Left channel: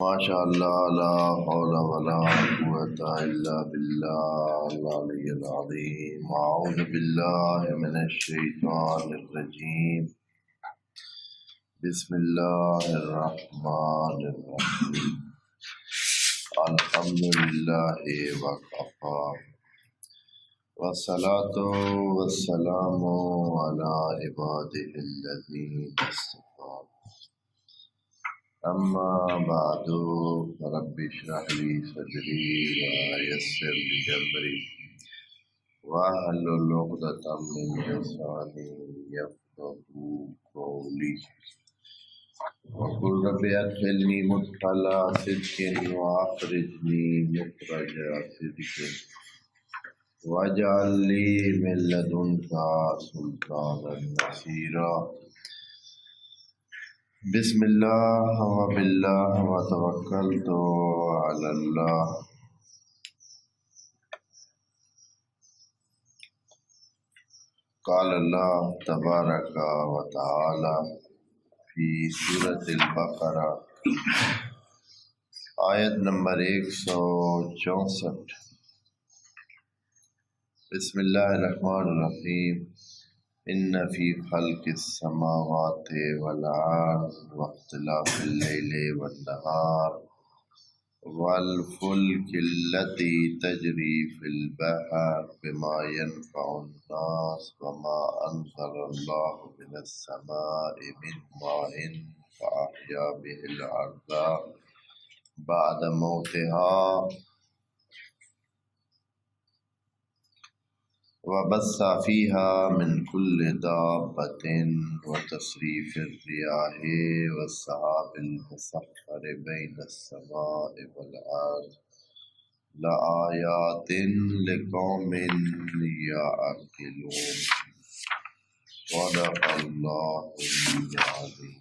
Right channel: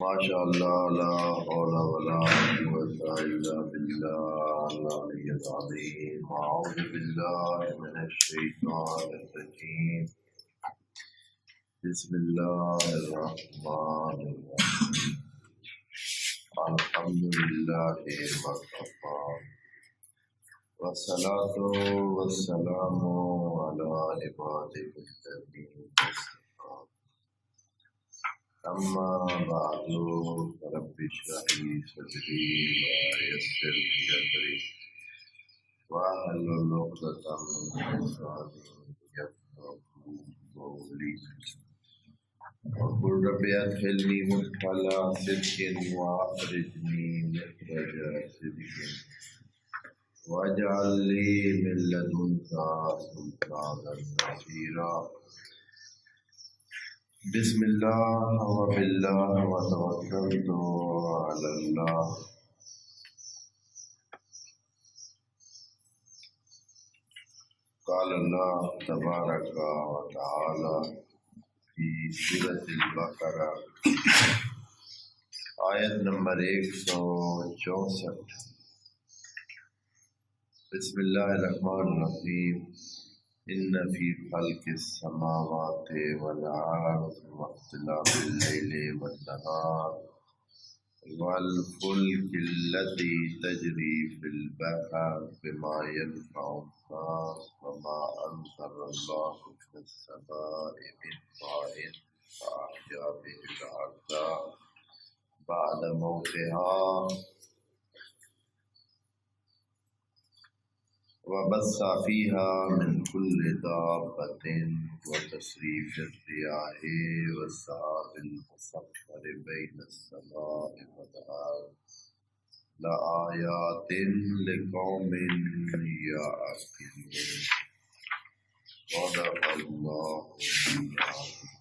ماشاء اللہ لا حول ولا قوة الا باللہ العلی العظیم اعوذ باللہ من الشیطان الرجیم بسم اللہ الرحمن الرحیم الحمد للہ وکفی والصلاة والسلام علی عباده الذین اصطفی اما بعد رب اشرح لي صدري ويسر لي امري واحلل عقدة من لساني يفقهوا قولي وقل رب ادخلني مدخل صدق واخرجني مخرج صدق واجعل لي من لدنك سلطانا نصيرا بسم اللہ وباللہ وتوکلت علی اللہ قال اللہ تبارک و تعالی فی سورۃ البقرہ آیت نمبر 164 بسم اللہ الرحمن الرحیم ان فی خلق السماوات والارض واختلاف اللیل والنہار والفلک التي تجری فی البحر بما ينفع الناس وما انزل اللہ من السماء من ماء فاحیا به الارض بعد موتها وبث فيها من كل دابة وتصريف الرياح والسحاب المسخر بين السماء والأرض لآيات لقوم يعقلون صدق الله العظيم۔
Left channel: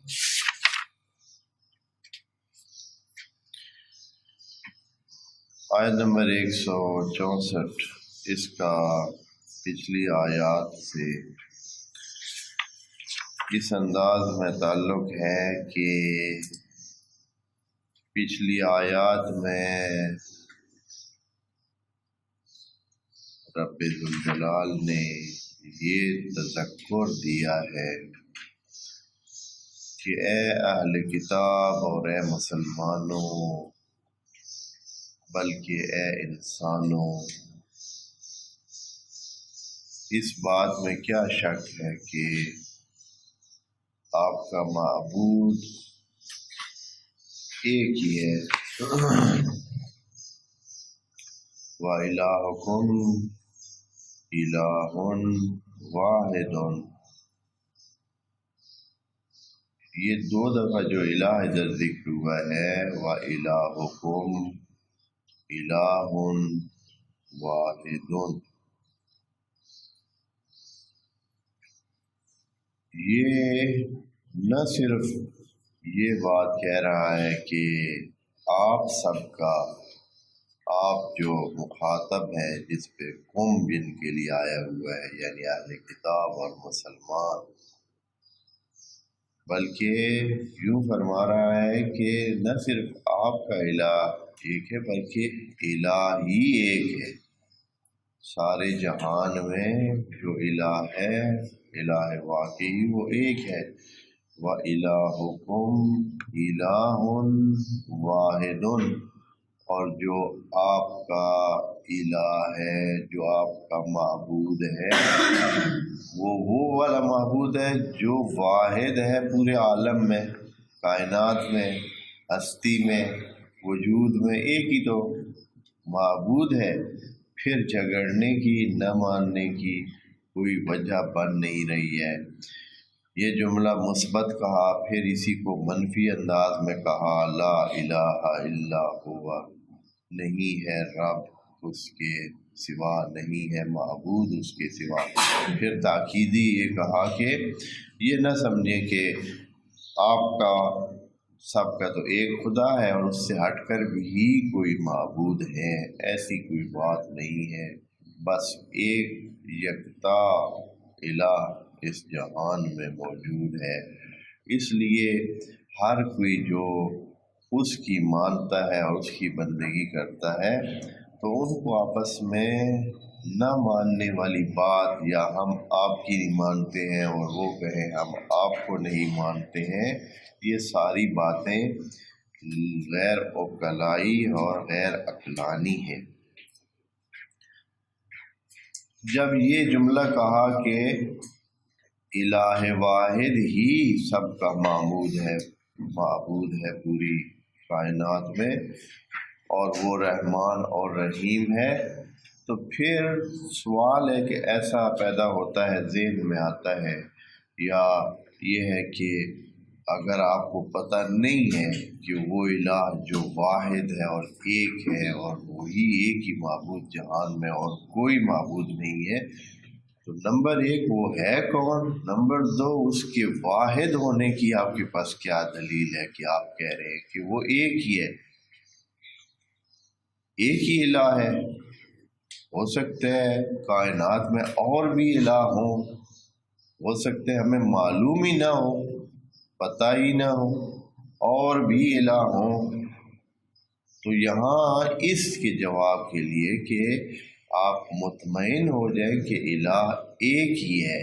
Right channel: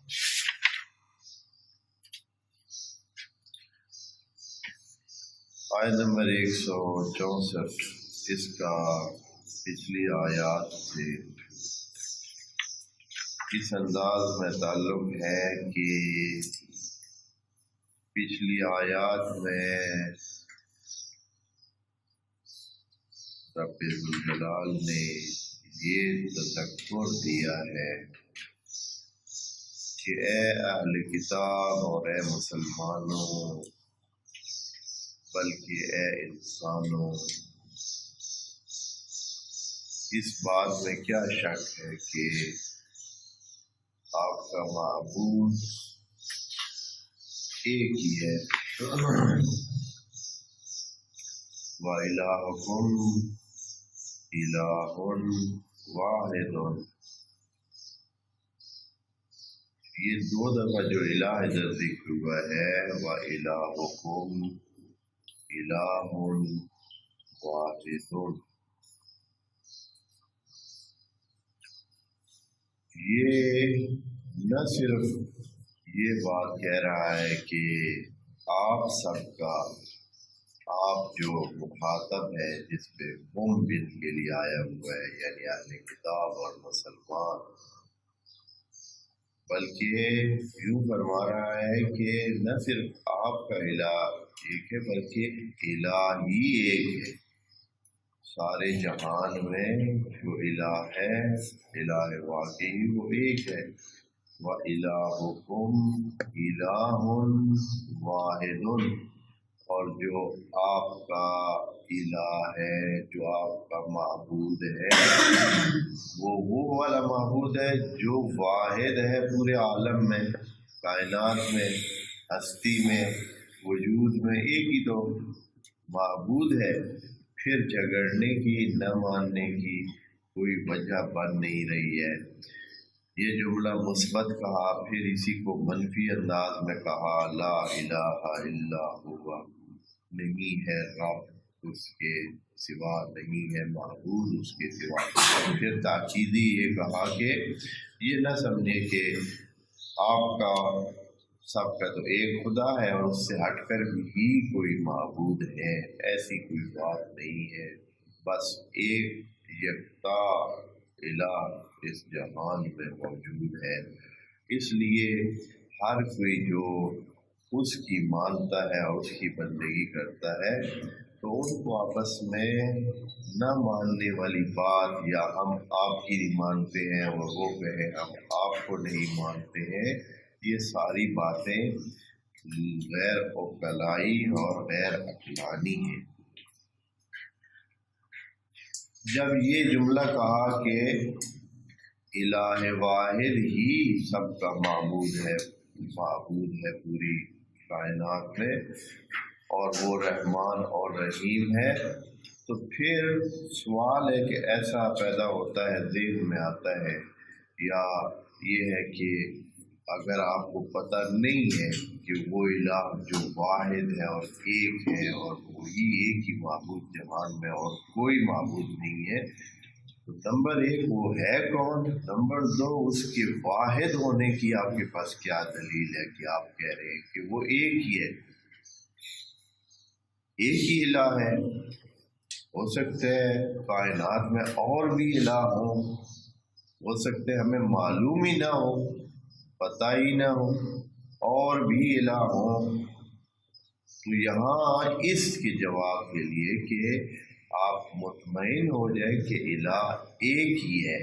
آیت نمبر 164 اس کا پچھلی آیات سے اس انداز میں تعلق ہے کہ پچھلی آیات میں رب ذوالجلال نے یہ تذکر دیا ہے کہ اے اہل کتاب اور اے مسلمانوں بلکہ اے انسانوں، اس بات میں کیا شک ہے کہ آپ کا معبود ایک ہی ہے، وَإِلَٰهُكُمْ إِلَٰهٌ وَاحِدٌ۔ یہ دو دفعہ جو الہ ادھر ذکر ہوا ہے وَإِلَٰهُكُمْ إِلَٰهٌ وَاحِدٌ، یہ نہ صرف یہ بات کہہ رہا ہے کہ آپ سب کا، آپ جو مخاطب ہے جس پہ قوم بن کے لیے آیا ہوا ہے یعنی اہل کتاب اور مسلمان، بلکہ یوں فرما رہا ہے کہ نہ صرف آپ کا الہ ایک ہے بلکہ الہ ہی ایک ہے، سارے جہان میں جو الہ ہے الہ واقعی وہ ایک ہے، وَإِلَٰهُكُمْ إِلَٰهٌ وَاحِدٌ، اور جو آپ کا الہ ہے، جو آپ کا معبود ہے، وہ والا معبود ہے جو واحد ہے پورے عالم میں، کائنات میں، ہستی میں، وجود میں، ایک ہی تو معبود ہے، پھر جھگڑنے کی، نہ ماننے کی کوئی وجہ بن نہیں رہی ہے۔ یہ جملہ مثبت کہا، پھر اسی کو منفی انداز میں کہا، لا الہ الا ہوا، نہیں ہے رب اس کے سوا، نہیں ہے معبود اس کے سوا۔ پھر تاکیدی یہ کہا کہ یہ نہ سمجھیں کہ آپ کا سب کا تو ایک خدا ہے اور اس سے ہٹ کر بھی کوئی معبود ہے، ایسی کوئی بات نہیں ہے، بس ایک یکتا الہ اس جہان میں موجود ہے۔ اس لیے ہر کوئی جو اس کی مانتا ہے اور اس کی بندگی کرتا ہے، تو ان کو آپس میں نہ ماننے والی بات، یا ہم آپ کی نہیں مانتے ہیں اور وہ کہیں ہم آپ کو نہیں مانتے ہیں، یہ ساری باتیں غیر عقلائی اور غیر عقلانی ہیں۔ جب یہ جملہ کہا کہ الہ واحد ہی سب کا معبود ہے پوری کائنات میں، اور وہ رحمان اور رحیم ہے، تو پھر سوال ہے کہ ایسا پیدا ہوتا ہے، ذہن میں آتا ہے، یا یہ ہے کہ اگر آپ کو پتہ نہیں ہے کہ وہ الہ جو واحد ہے اور ایک ہے، اور وہی ایک ہی معبود جہان میں اور کوئی معبود نہیں ہے، تو نمبر ایک وہ ہے کون، نمبر دو اس کے واحد ہونے کی آپ کے پاس کیا دلیل ہے کہ آپ کہہ رہے ہیں کہ وہ ایک ہی ہے، ایک ہی الہ ہے۔ ہو سکتا ہے کائنات میں اور بھی الہ ہوں، ہو سکتے ہیں ہمیں معلوم ہی نہ ہو، پتہ ہی نہ ہو، اور بھی الہ ہوں۔ تو یہاں اس کے جواب کے لیے کہ آپ مطمئن ہو جائیں کہ الہ ایک ہی ہے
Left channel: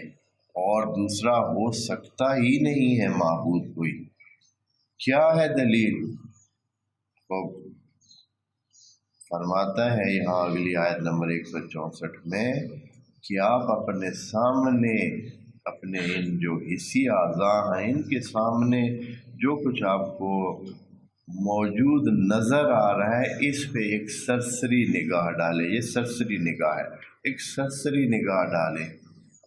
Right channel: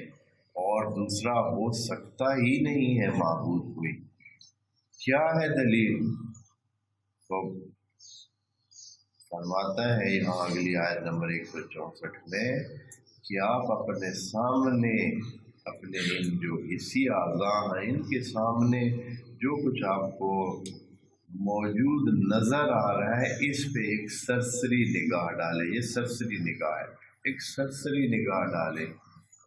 اور دوسرا ہو سکتا ہی نہیں ہے معبود کوئی، کیا ہے دلیل؟ تو فرماتا ہے یہاں اگلی آیت نمبر 164 میں کہ آپ اپنے سامنے، اپنے ان جو حسی اعضاء ہیں ان کے سامنے جو کچھ آپ کو موجود نظر آ رہا ہے، اس پہ ایک سرسری نگاہ ڈالیں۔ یہ سرسری نگاہ ہے، ایک سرسری نگاہ ڈالیں،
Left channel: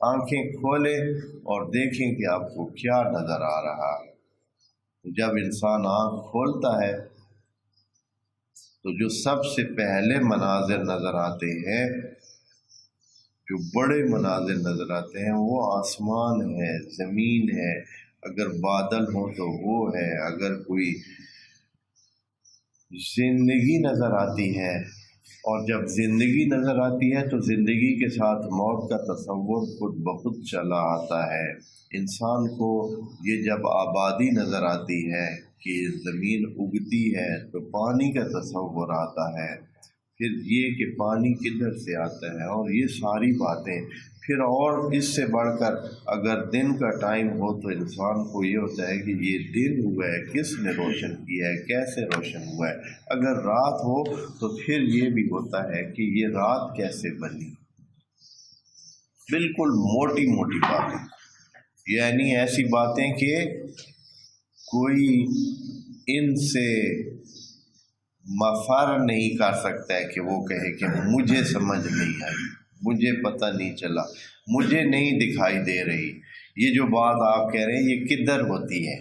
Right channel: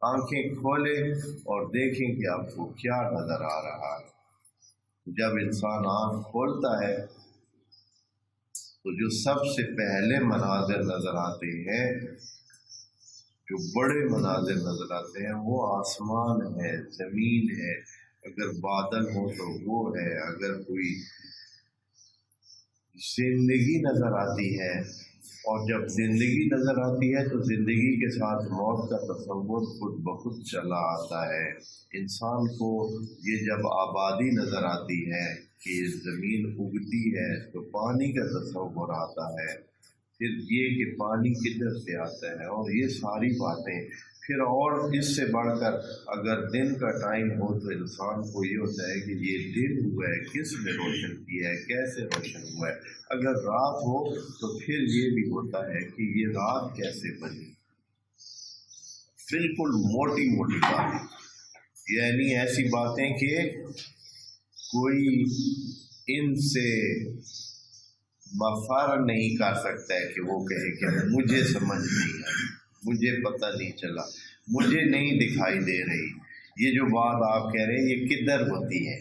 آنکھیں کھولیں اور دیکھیں کہ آپ کو کیا نظر آ رہا ہے۔ جب انسان آنکھ کھولتا ہے تو جو سب سے پہلے مناظر نظر آتے ہیں، جو بڑے مناظر نظر آتے ہیں، وہ آسمان ہے، زمین ہے، اگر بادل ہو تو وہ ہے، اگر کوئی زندگی نظر آتی ہے، اور جب زندگی نظر آتی ہے تو زندگی کے ساتھ موت کا تصور خود بخود چلا آتا ہے۔ انسان کو یہ جب آبادی نظر آتی ہے کہ زمین اگتی ہے تو پانی کا تصور آتا ہے، پھر یہ کہ پانی کدھر سے آتا ہے، اور یہ ساری باتیں، پھر اور اس سے بڑھ کر اگر دن کا ٹائم ہو تو انسان کو یہ ہوتا ہے کہ یہ دن ہوا ہے، کس نے روشن کیا ہے، کیسے روشن ہوا ہے، اگر رات ہو تو پھر یہ بھی ہوتا ہے کہ یہ رات کیسے بنی۔ بالکل موٹی موٹی باتیں، یعنی ایسی باتیں کہ کوئی ان سے مفر نہیں کر سکتا ہے کہ وہ کہے کہ مجھے سمجھ نہیں آئی، مجھے پتہ نہیں چلا، مجھے نہیں دکھائی دے رہی۔ یہ جو بات آپ کہہ رہے ہیں یہ کدھر ہوتی ہے؟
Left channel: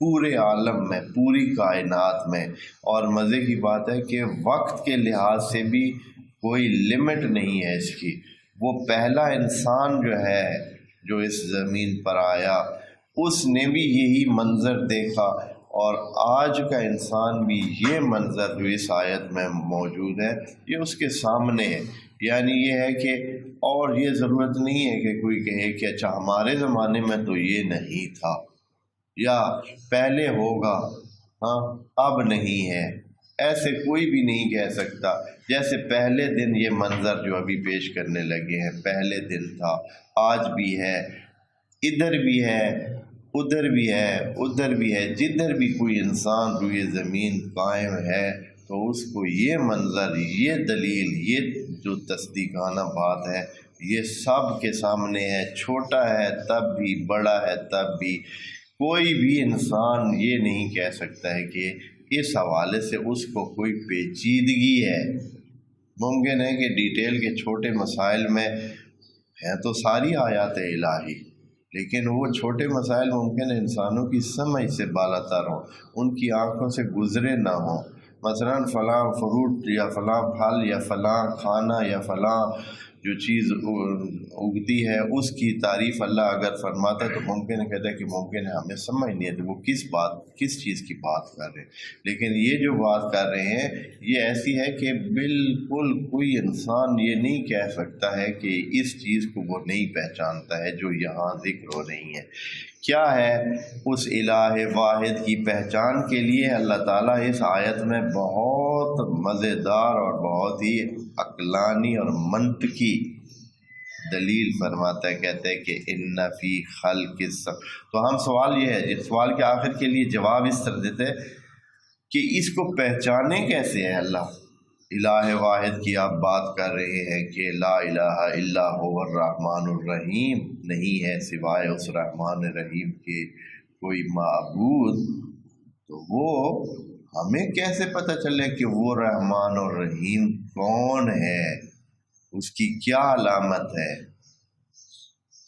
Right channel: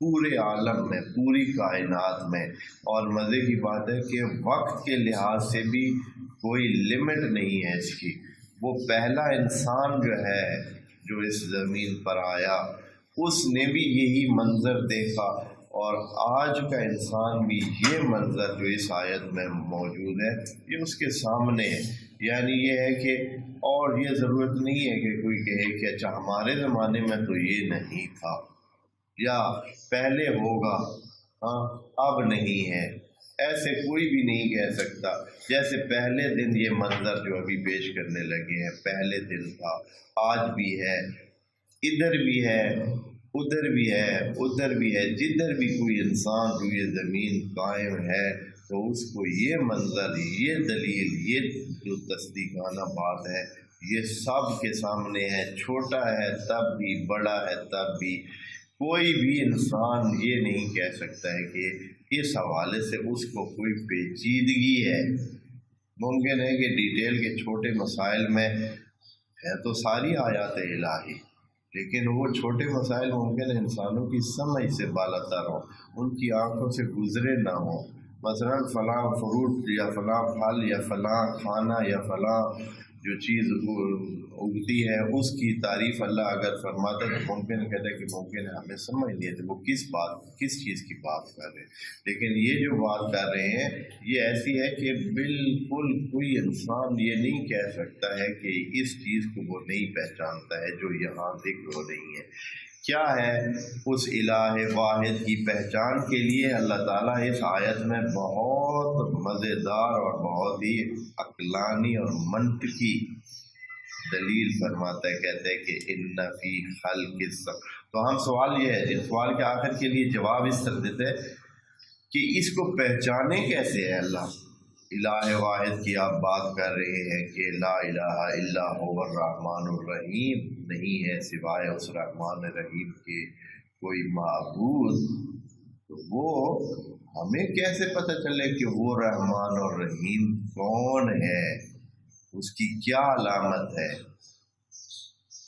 پورے عالم میں، پوری کائنات میں۔ اور مزے کی بات ہے کہ وقت کے لحاظ سے بھی کوئی لمٹ نہیں ہے اس کی۔ وہ پہلا انسان جو ہے جو اس زمین پر آیا، اس نے بھی یہی منظر دیکھا، اور آج کا انسان بھی یہ منظر جو اس آیت میں موجود ہے یہ اس کے سامنے ہے۔ یعنی یہ ہے کہ اور یہ ضرورت نہیں ہے کہ کوئی کہے کہ اچھا ہمارے زمانے میں تو یہ نہیں تھا، یا پہلے ہوگا، ہاں اب نہیں ہے، ایسے کوئی بھی نہیں کہہ سکتا۔ جیسے پہلے دن یہ منظر جو ابھی پیش کرنے لگے ہیں، پہلے دن تھا، آج بھی ہے، ادھر بھی ہے، ادھر بھی ہے، ادھر بھی ہے، جدھر بھی کوئی انسان روئے زمین قائم ہے تو اس کو یہ منظر، یہ دلیل، یہ جو تصدیقانہ بات ہے یہ سب کے سامنے ہے، چھوٹا ہے تب بھی، بڑا ہے تب بھی۔ کوئی بھی انسان یہ نہیں کہہ سکتا ہے کہ اس حوالے سے اس کو کوئی پیچیدگی ہے۔ ممکن ہے کہ ڈیٹیل کے چھوٹے مسائل میں ہے تو ساری آیات الہی، لیکن وہ چھوٹے مسائل ممکن ہے انسانوں کی سمجھ سے بالا تر ہوں، ان کی آنکھوں سے گزرے نہ ہوں۔ مثلا فلاں فروٹ یا فلاں پھل یا فلاں کھانا یا فلاں جو چیز اگتی ہے اس کی تعریف اللہ اگر فرماتا تو ممکن ہے کہتا ہے کہ ممکن ہے ہمیں سمجھ نہیں ہے تو وہ کس چیز کی بات کر رہے ہیں، لیکن یہ جو بات کر رہے ہیں یہ ایسی ہے کہ بالکل کوئی انسان یہ نہیں کہہ سکتا ہے کہ اس چیز کو وہ نہیں پہچانتا ہے جو یہاں ذکر ہو رہی ہے۔ کیا ہے اس الہ واحد کی پہچان کے لیے اللہ تعالیٰ اس آیت میں بہت مزیدار اور بہت ہی عقلانی اور منطقی دلیل فرماتا ہے، کہتے ہیں کہ ان فی خلق تو ہم سوال یہ ہے، اس سوال کے آخر کے لیے جواب اس طرح دیتے ہیں کہ اس کو پہچانے کیسے ہے اللہ الہ واحد کی آپ بات کر رہے ہیں کہ لا الہ الا هو الرحمن الرحیم، نہیں ہے سوائے اس رحمان الرحیم کے کوئی معبود، تو وہ ہمیں کیسے پتہ چلے کہ وہ رحمان الرحیم کون ہے، اس کی کیا علامت ہے؟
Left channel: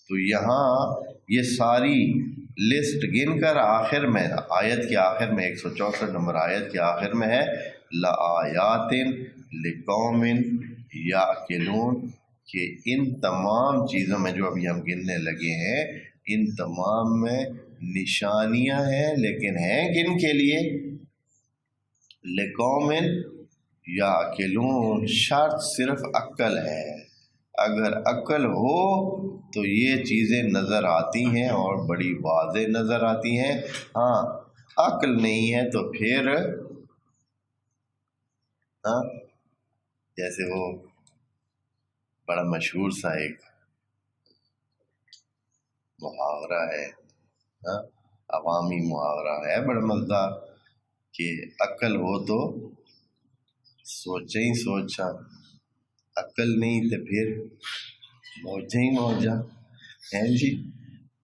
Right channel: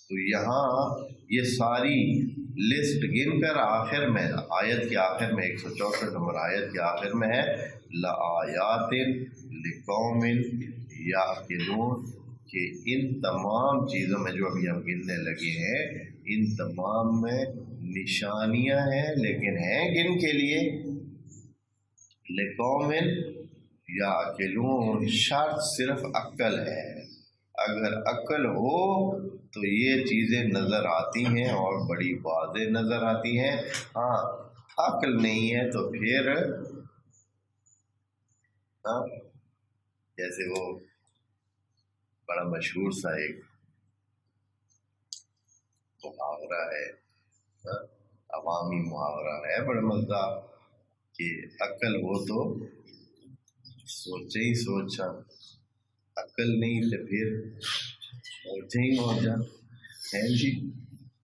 تو یہاں یہ ساری لسٹ گن کر آخر میں آیت کے آخر میں 164 نمبر آیت کے آخر میں ہے لآیات لقوم یعقلون، کہ ان تمام چیزوں میں جو ابھی ہم گننے لگے ہیں ان تمام میں نشانیاں ہیں، لیکن ہیں کن کے لیے؟ لقوم یعقلون، شرط صرف عقل ہے، اگر عقل ہو تو یہ چیزیں نظر آتی ہیں اور بڑی واضح نظر آتی ہیں، ہاں عقل نہیں ہے تو پھر جیسے وہ بڑا مشہور سا ایک محاورہ ہے، عوامی محاورہ ہے بڑا مزدار، کہ عقل ہو تو سوچیں ہی سوچا، عقل نہیں تو پھر موجیں ہی موجا ہیں جی۔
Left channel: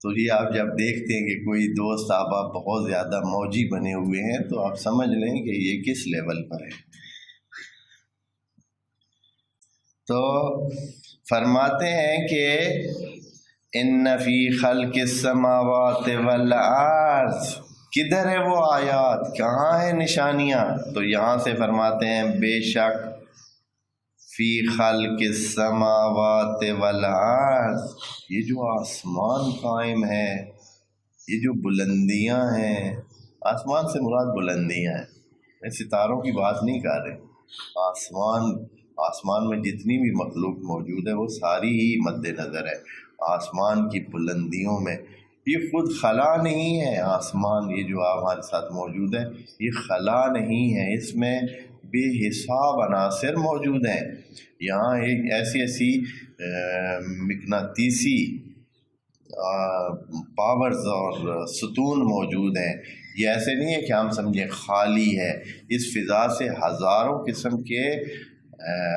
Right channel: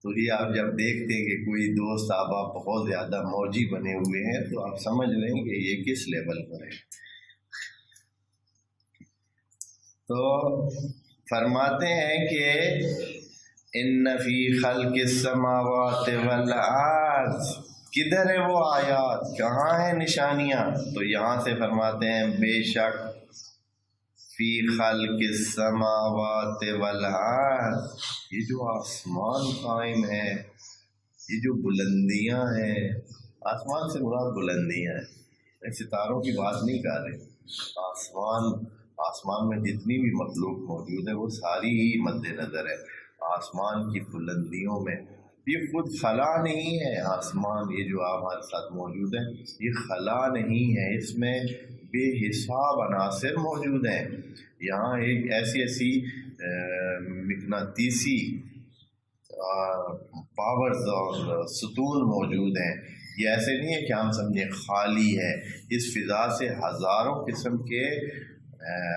تو یہ آپ جب دیکھتے ہیں کہ کوئی دوست آپ بہت زیادہ موجی بنے ہوئے ہیں تو آپ سمجھ لیں کہ یہ کس لیول پر ہے۔ تو فرماتے ہیں کہ ان فی خلق السماوات والارض، کدھر ہے وہ آیات، کہاں ہیں نشانیاں؟ تو یہاں سے فرماتے ہیں بے شک فی خلق السماوات والارض، یہ جو آسمان قائم ہے، یہ جو بلندیاں ہیں، آسمان سے مراد بلندیاں ہیں، ستاروں کی بات نہیں کر رہے، آسمان میں جتنی بھی مخلوق موجود ہے وہ ساری ہی مد نظر ہے، آسمان کی بلندیوں میں، یہ خود خلا نہیں ہے، آسمان یہ جو ہمارے ساتھ موجود ہے یہ خلا نہیں ہے، اس میں بے حساب عناصر موجود ہیں، یہاں ایک ایسی مقناطیسی پاورز اور ستون موجود ہیں، یہ ایسے نہیں ہے کہ ہم سمجھیں خالی ہے، اس فضا سے ہزاروں قسم کے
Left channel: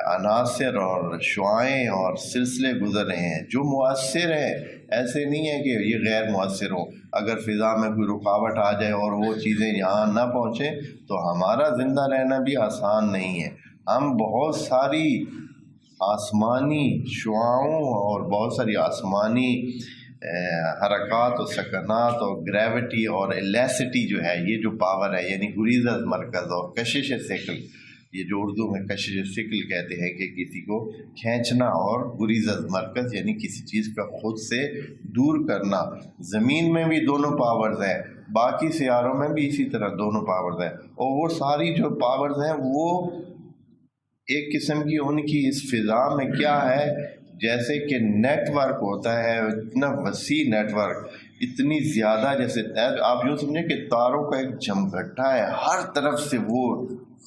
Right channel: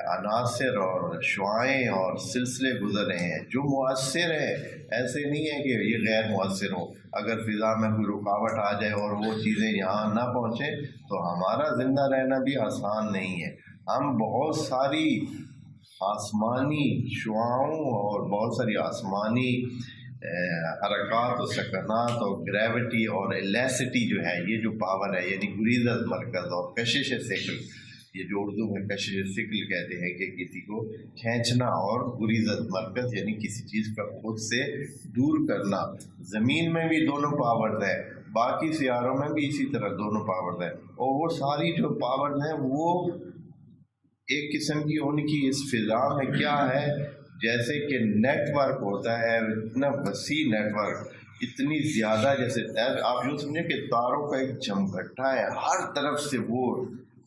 عناصر اور شعاعیں اور سلسلے گزر رہے ہیں جو مؤثر ہیں، ایسے نہیں ہے کہ یہ غیر مؤثر ہو، اگر فضا میں کوئی رکاوٹ آ جائے اور وہ چیزیں یہاں نہ پہنچیں تو ہمارا زندہ رہنا بھی آسان نہیں ہے، ہم بہت ساری آسمانی شعاعوں اور بہت ساری آسمانی حرکات و سکنات اور گریوٹی اور الیسٹی جو ہے، یہ جو پاور ہے، یعنی گریزہ مرکز اور کشش ثقل، یہ جو اردو میں کشش ثقل کہتے ہیں کہ کسی کو کھینچنا، اور گریزہ مرکز یعنی کسی چیز کا خود سے دور کرنا، زمین میں بھی دونوں پاورز ہیں، باقی سیاروں میں بھی اسی طرح دونوں پاورز ہیں، اور وہ ساری جو پاورز ہیں وہ ایک قسم کی ان کی اس فضا میں کیا ہے، جیسے کہ نیٹ ورک ہوتا ہے، اتنا وسیع نیٹ ورک، اتنی زیادہ، جیسے آپ یوں سمجھیں کہ تاروں کا ایک جھمگھٹا ہے، ہر طرف سے وہ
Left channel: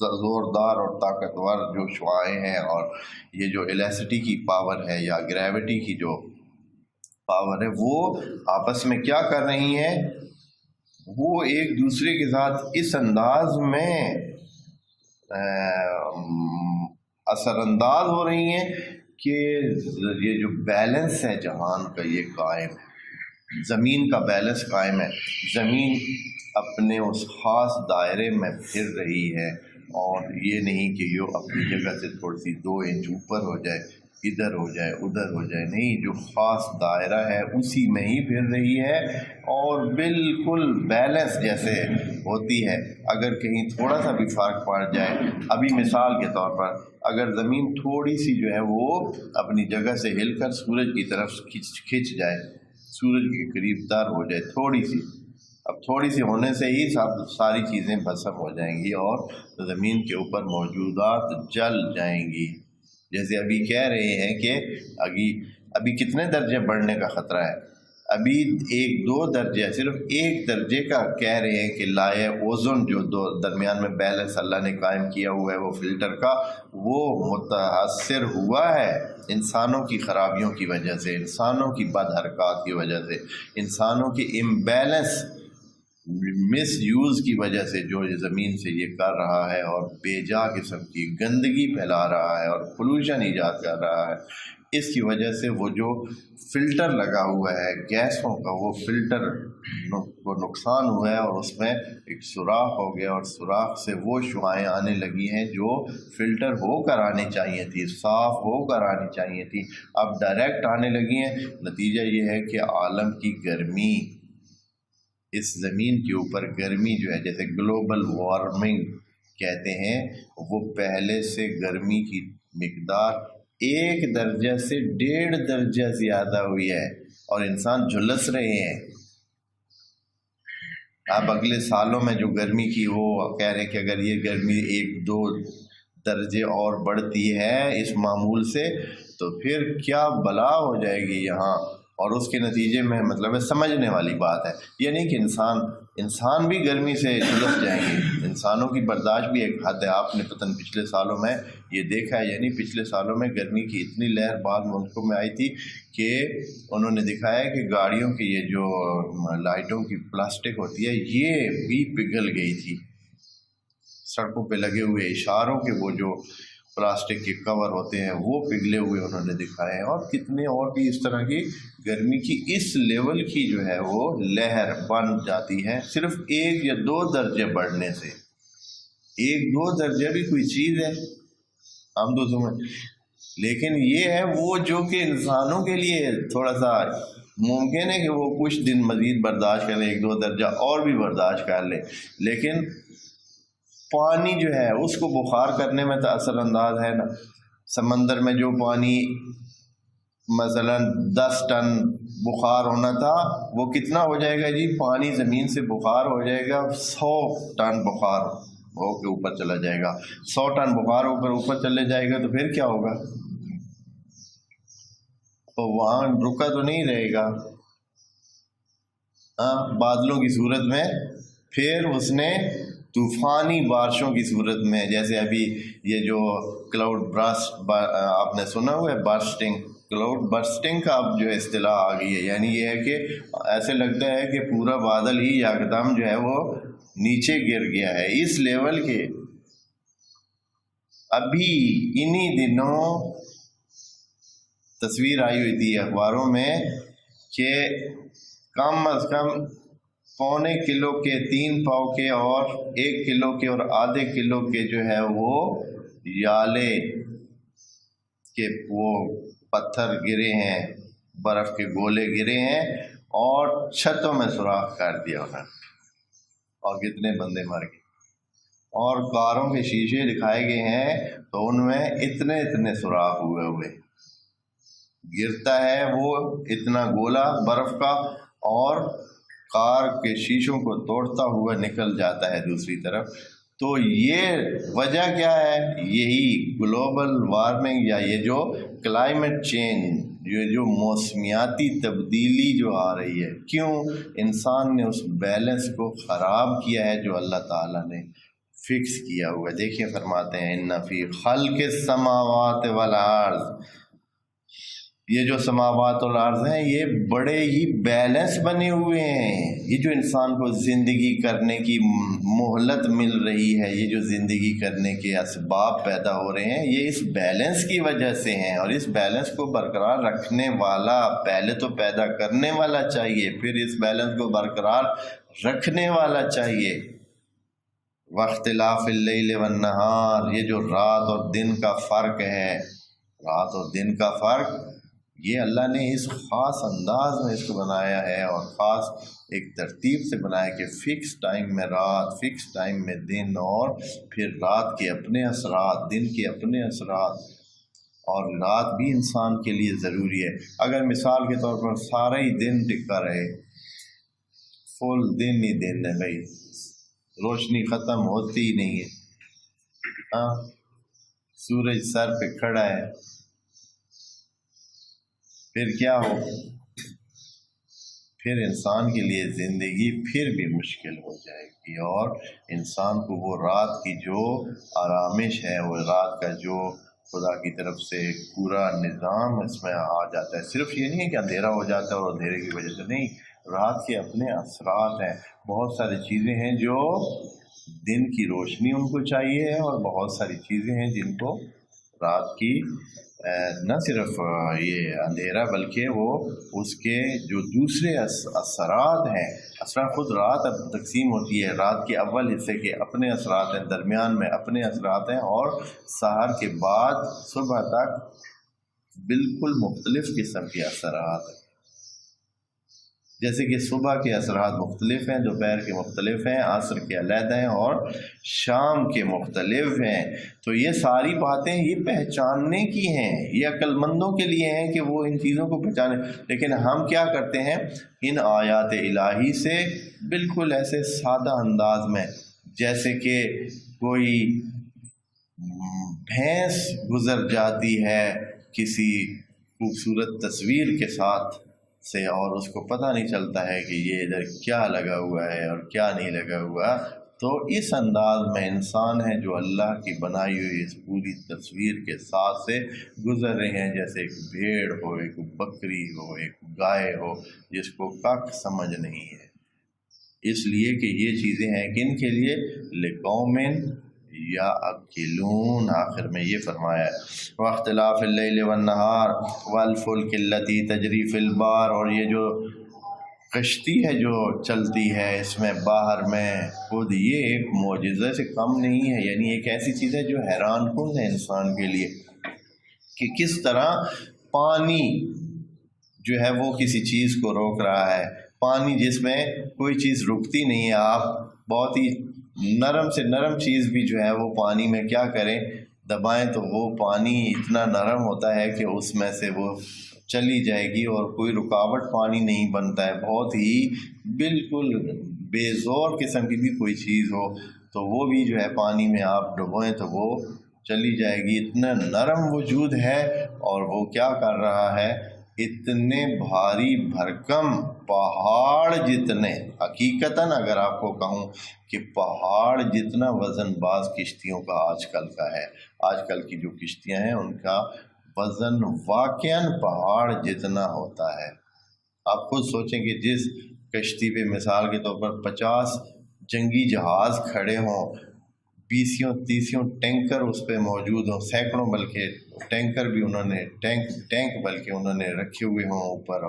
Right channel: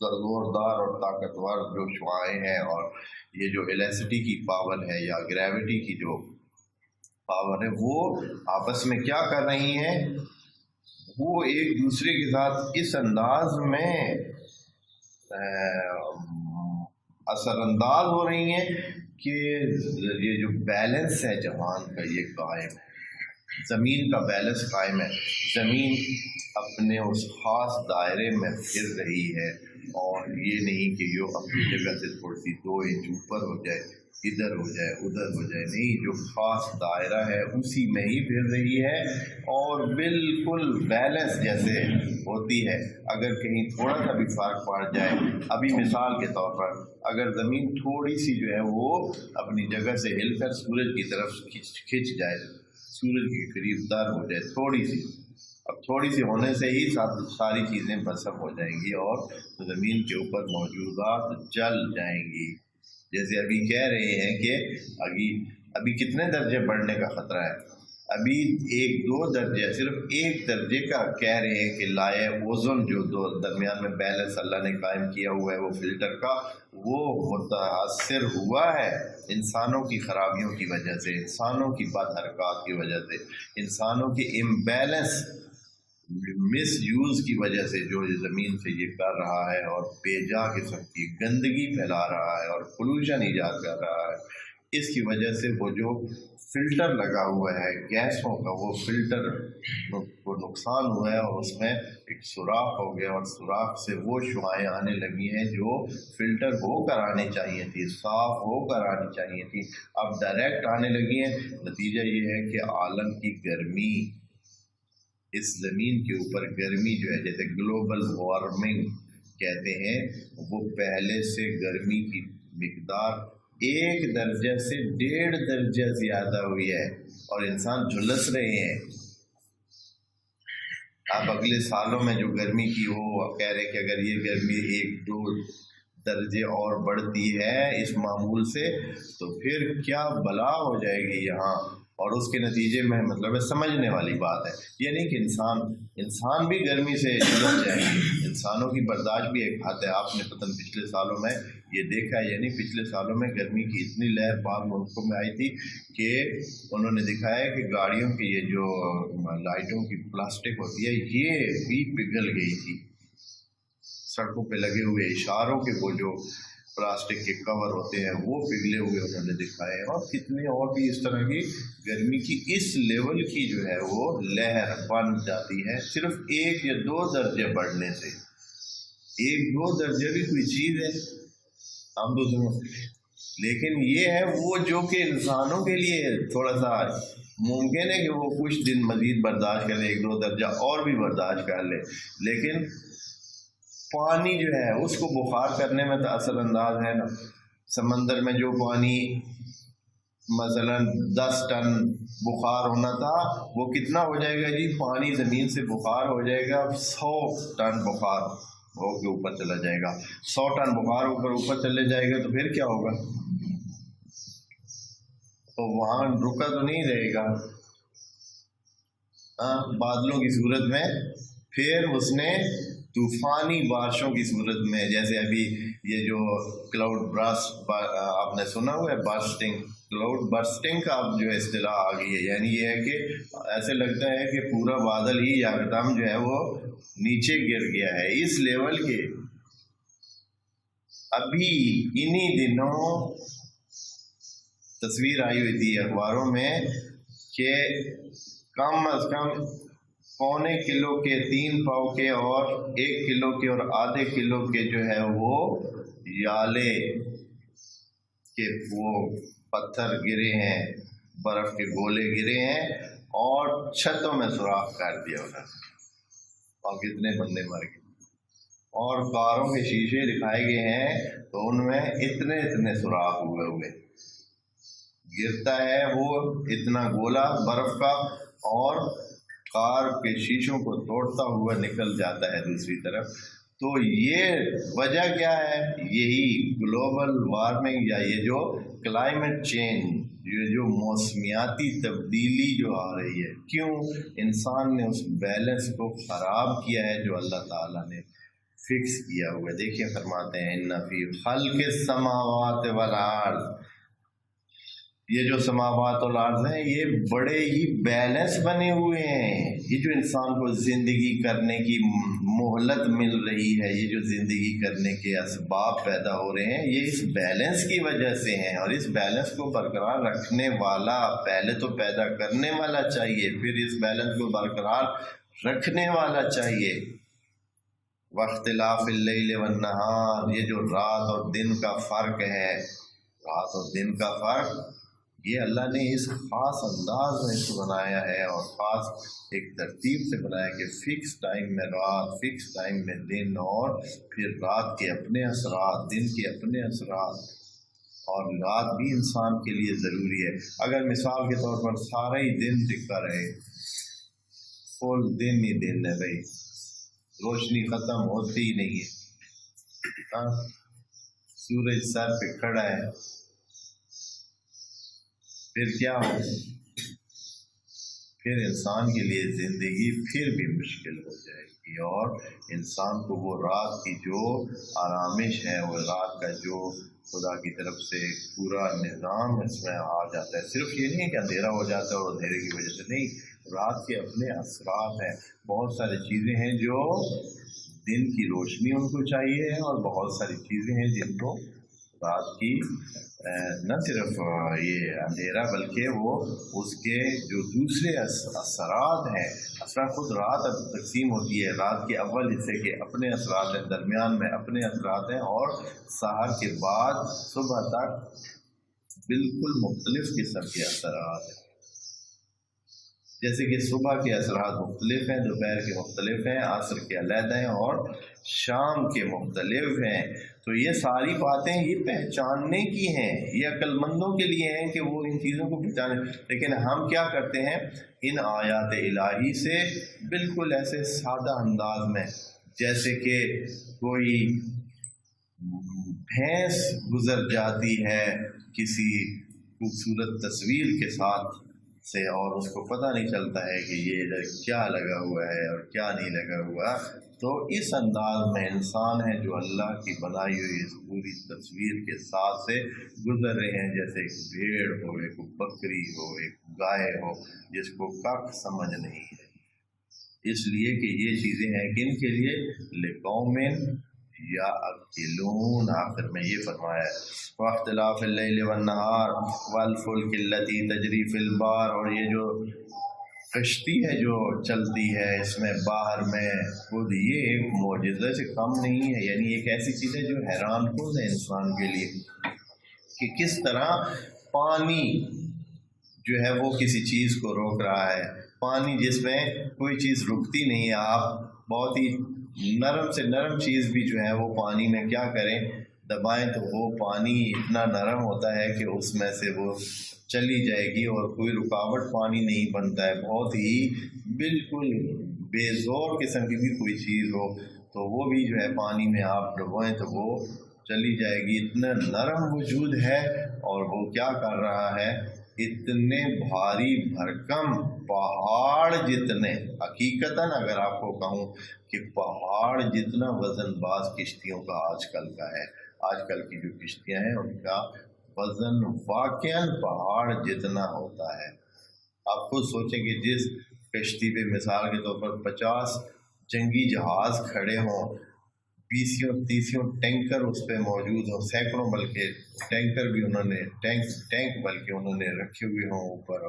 زوردار اور طاقتور جو شعاعیں ہیں اور یہ جو الیسٹی کی پاور ہے یا گریوٹی کی جو پاور ہے، وہ آپس میں کیا کر رہی ہیں، وہ ایک دوسرے کے ساتھ اس انداز میں اثر انداز ہو رہی ہیں کہ یہ جو بیلنس ہے جہان کا یہ قائم ہے، زمین کا بیلنس قائم ہے، زمین اپنے اس خاص دائرے میں پھر رہی ہے، اور یہ نہیں کہ یہ اپنی جگہ سے تھوڑی سی 2 انچ اوپر ہو جائے، ادھر ہو جائے ادھر ہو جائے، نہیں، جو خاص دائرہ ہے اسی میں ہی پھر رہی ہے، اور بالکل بیلنس جیسے ہوتی ہے اگر کہیں تھوڑا سا بھی فرق پڑ جائے، ابھی مثال کے طور پر اگر زمین تھوڑی سی جو ہے وہ اپنی جگہ سے ہل کر سورج کی طرف کھنچ جائے، سورج کے قریب تر ہو جائے تھوڑی سی، اب تھوڑی سی ہونے سے ہی ساری چیزیں بسر ہو جائیں گی اور زمین کے اوپر موجودات جل جائیں گی۔ جیسے ابھی کہہ رہے ہیں کہ ابھی کتنے درجے بڑھنے کا خطرہ ہے، ابھی 1-2 درجے، صرف 1 درجے کا کہہ رہے ہیں کہ لائے اوزون جو درمیان میں بیلنس اللہ نے قائم کیا ہوا ہے وہ فلٹر کا، وہ متاثر ہوا ہے انسانوں کی خرابیوں کی وجہ سے، انسانوں کی بد حرکات کی وجہ سے، انسانوں کی امبیلنس مس یوز کی وجہ سے جو زمین سے یہ کر رہا ہے اور بے جا قسم کی گندگی پھیلا رہا ہے اور پولوشن ایجاد کر رہا ہے، اس کی وجہ سے وہ جو فلٹر لگا ہوا ہے گیسوں کا، وہ فلٹر کو نقصان ہوا ہے اور اس میں ایک سوراخ ہو گیا اور سوراخ سے وہ شعاعیں آنے لگی ہیں جو فلٹر ہو کر آنی چاہیے تھی، صاف ہو کر آنی چاہیے تھی، اب ڈائریکٹ آنے لگی ہیں۔ نتیجہ یہ ہے کہ عالم کی گرمی، اس زمین کے اوپر گرمی جو ہے، جیسے گلوبل وارمنگ کہتے ہیں، وہ پہلے سے گرمی کی مقدار 1 درجہ سے 1.5 درجہ زیادہ ہوئی ہے اور انسان جھلس رہے ہیں۔ اب اگلے سالوں میں جو گرمی کی وہ کہہ رہے کہ اگر یہ گرمی 1-2 درجے اور بڑھتی ہے اس معمول سے تو پھر کیا بلا ہو جائے گی یہاں، اور اس کے نتیجے میں مطلب ہے سمجھنے والی بات ہے، یہ نہیں کہ انسان بھی گرمی سے جھلس جائیں گے، انسانوں کی برداشت بھی ایک حد ہے۔ آپ نے پتہ پچھلے سالوں میں یہ دیکھا ہے، یعنی پچھلے سالوں میں گرمی کی اتنی لہر بعض ملکوں میں آئی تھی کہ انہوں نے دکھایا کہ گاڑیوں کی یہ جو لائٹوں کی پلاسٹک ہوتی ہے یہ بھی پگھل گئی تھی، سڑکوں پہ لگے ہوئے اشاروں کے وہ جو پلاسٹک کے کور ہوتے ہیں وہ پگھلے ہوئے انہوں نے دکھائے ہیں، اور کتنے اور بھی اس طرح کی گرمی کی اس لیول کی جو ہے وہ لہر بن جاتی ہے صرف 1 یا 2 درجے بڑھنے سے۔ 1-2 درجے بھی کوئی چیز ہے ہم تو سمجھ، لیکن یہ ہے وہ جو کہ انسانوں کے لیے تھوڑا سا ممکن ہے کہ وہ کچھ دن مزید برداشت کریں، 1-2 درجہ اور بھی برداشت کر لیں، لیکن پانی جو ہے اس کو بخار کرنے میں تو اثر انداز ہے نا۔ سمندر میں جو پانی مثلا 10 ٹن بخار ہونا تھا وہ کتنا ہو جائے گا جی، پانی زمین سے بخار ہو جائے گا 100 ٹن بخار ہو کے اوپر چلا جائے گا، 100 ٹن بخار اوپر چلے جائے گا تو پھر کیا ہوگا، تو وہاں رکا تو نہیں رہے گا، بادلوں کی صورت میں، پھر اس نے طوفانی بارشوں کی صورت میں، جیسے ابھی یہ جو کلاؤڈ برسٹ آپ نے سنا ہوا ہے، برسٹنگ، کلاؤڈ برسٹنگ کا اب جو اصطلاح آ گئی ہے، یعنی یہ ہے کہ ایسے لگتا ہے کہ پورا بادل ہی یکدم جو ہے وہ نیچے گر گیا ہے، اس لیول کے۔ ابھی انہی دنوں تصویر آئی ہوئی تھی اخباروں میں کہ کم از کم 1.25 کلو کے 3 پاؤ کے اور 1 کلو کے اور آدھے کلو کے جو ہے وہ یالے کے وہ پتھر گرے ہیں، برف کے گولے گرے ہیں اور چھتوں میں سوراخ کر دیا انہوں نے، اور کتنے بندے مر گئے، اور کاروں کے شیشے دکھائے گئے ہیں تو ان میں اتنے سوراخ ہوئے گرتا ہے وہ اتنا گولا برف کا اور کار کے شیشوں کو توڑتا ہوا نکل جاتا ہے دوسری طرف۔ تو یہ وجہ کیا ہے، یہی گلوبل وارمنگ یا یہ جو کلائمیٹ چینج، یہ جو موسمیاتی تبدیلی جو آ رہی ہے، کیوں؟ انسان نے اس بیلنس کو خراب کیا ہے جو اللہ تعالیٰ نے فکس کیا ہوا ہے۔ دیکھیں فرماتے ہیں ان فی خلق السماوات والارض، یہ جو سماوات اور ارض ہیں یہ بڑے ہی بیلنس بنے ہوئے ہیں، یہ جو انسان کو زندگی کرنے کی مہلت مل رہی ہے، یہ جو زندگی کرنے کے اسباب پیدا ہو رہے ہیں، یہ اس بیلنس کی وجہ سے ہیں، اور اس بیلنس کو برقرار رکھنے والا پہلے تو پیدا کرنے والا چاہیے، پھر اس بیلنس کو برقرار رکھنے والا چاہیے۔ واختلاف اللیل والنہار، یہ جو رات اور دن کا فرق ہے، رات اور دن کا فرق یہ اللہ نے اس خاص انداز میں اس کو بنایا ہے اور خاص ایک ترتیب سے بنایا کہ فکس ٹائم میں رات، فکس ٹائم میں دن، اور پھر رات کے اپنے اثرات، دن کے اپنے اثرات، اور رات بھی انسان کے لیے ضروری ہے۔ اگر مثال کے طور پر سارا ہی دن ٹکا رہے، فل دن ہی دن ہے بھائی، روشنی ختم ہوتی ہی نہیں ہے، ہاں سورج سر پہ کھڑا ہے، پھر کیا ہو؟ پھر انسان کے لیے زندگی پھر بھی مشکل ہو جائے گی، اور انسان کو وہ رات کی جو آرامش ہے، وہ رات کا جو خدا کی طرف سے پورا نظام اس میں آ جاتا ہے۔ صرف یہ نہیں ہے کہ اندھیرا ہو جاتا ہے اور اندھیرے کی وجہ سے نہیں، رات کے اپنے اثرات ہیں، بہت ساری چیزیں ہیں جو دن کی روشنی ان کو چاہیے، اور بہت ساری چیزیں ہیں جن کو رات کی نہ صرف یہ اندھیرا بلکہ وہ اس کے جو دوسرے اثرات ہیں، اثرات خود رات اب تقسیم ہوتی ہے، رات کے اول حصے کے اپنے اثرات ہیں، درمیان میں اپنے اثرات ہیں، اور سحر کے بعد صبح تک بالکل مختلف قسم کے اثرات ہیں۔ جیسے کہ صبح کے اثرات مختلف ہیں، دوپہر کے مختلف ہیں، عصر کے علیحدہ ہیں، اور شام کے مختلف ہیں۔ تو یہ ساری باتیں یہ پہچاننے کی ہیں، یہ عقل مندوں کے لیے ہیں کہ وہ ان چیزوں کو پہچانیں۔ لیکن ہم کیا کرتے ہیں؟ ان آیات الہی سے بالکل ایسے سادہ انداز میں، جیسے کہ کوئی بھینس گزر جاتی ہے کسی خوبصورت تصویر کے ساتھ سے، اور اس کو پتہ نہیں چلتا ہے کہ یہ ادھر کیا لگا ہوا ہے اور کیا نہیں لگا ہوا۔ تو اس انداز میں انسان ہے جو اللہ کی بنائی ہوئی اس پوری تصویر کے ساتھ سے گزر رہے ہیں، جیسے ایک بھیڑ ہو، ایک بکری ہو، ایک گائے ہو، جس کو کک سمجھ نہیں ہے۔ اس لیے کہ یہ چیزیں ہیں کن کے لیے؟ لِقَوْمٍ یعقلون۔ آخر میں یہ فرمایا ہے وَاخْتِلَافِ اللَّيْلِ وَالنَّهَارِ وَالْفُلْكِ الَّتِي تَجْرِي فِي الْبَحْرِ، اور یہ جو کشتی ہے جو چلتی ہے اس میں باہر میں، خود یہ ایک معجزہ سے کم نہیں ہے، یعنی ایک ایسی چیز ہے جو حیران کن ہے انسان کے لیے، کہ کس طرح پانی جو ہے وہ کسی چیز کو روک رہا ہے۔ پانی جس میں کوئی چیز رکتی نہیں ہے، آپ بہت ہی نرم سے نرم چیز بھی جو ہے وہ پانی میں کیا کریں، دبائیں تو وہ پانی اتنا نرم ہوتا ہے کہ اس میں سے وہ چلی جائے گی، اور کوئی رکاوٹ پانی نہیں بنتا ہے۔ بہت ہی بالکل بے زور قسم کی بھی کوئی چیز ہو تو وہ بھی جو ہے پانی میں آپ ڈبوئیں تو وہ چلی جائے گی، اتنا نرم وجود ہے۔ اور وہ کیا کر رہا ہے؟ اتنے بھاری بھرکم پہاڑ جتنے، حقیقتاً اگر آپ کو کہوں کہ پہاڑ جتنا وزن باز کشتیوں کا آج کل کا ہے، آج کل کی جو کشتیاں ہیں ان کا وزن واقعاً پہاڑ جتنا ہوتا ہے۔ آپ خود سوچیں کہ جس کشتی پہ مثال کے طور پر 50 جنگی جہاز کھڑے ہوں، 20-30 ٹینکر اس پہ موجود ہوں، سینکڑوں بلکہ ٹینکر بھی انہوں نے ٹینک بلکہ انہوں نے رکھے ہوئے ہوں اوپر،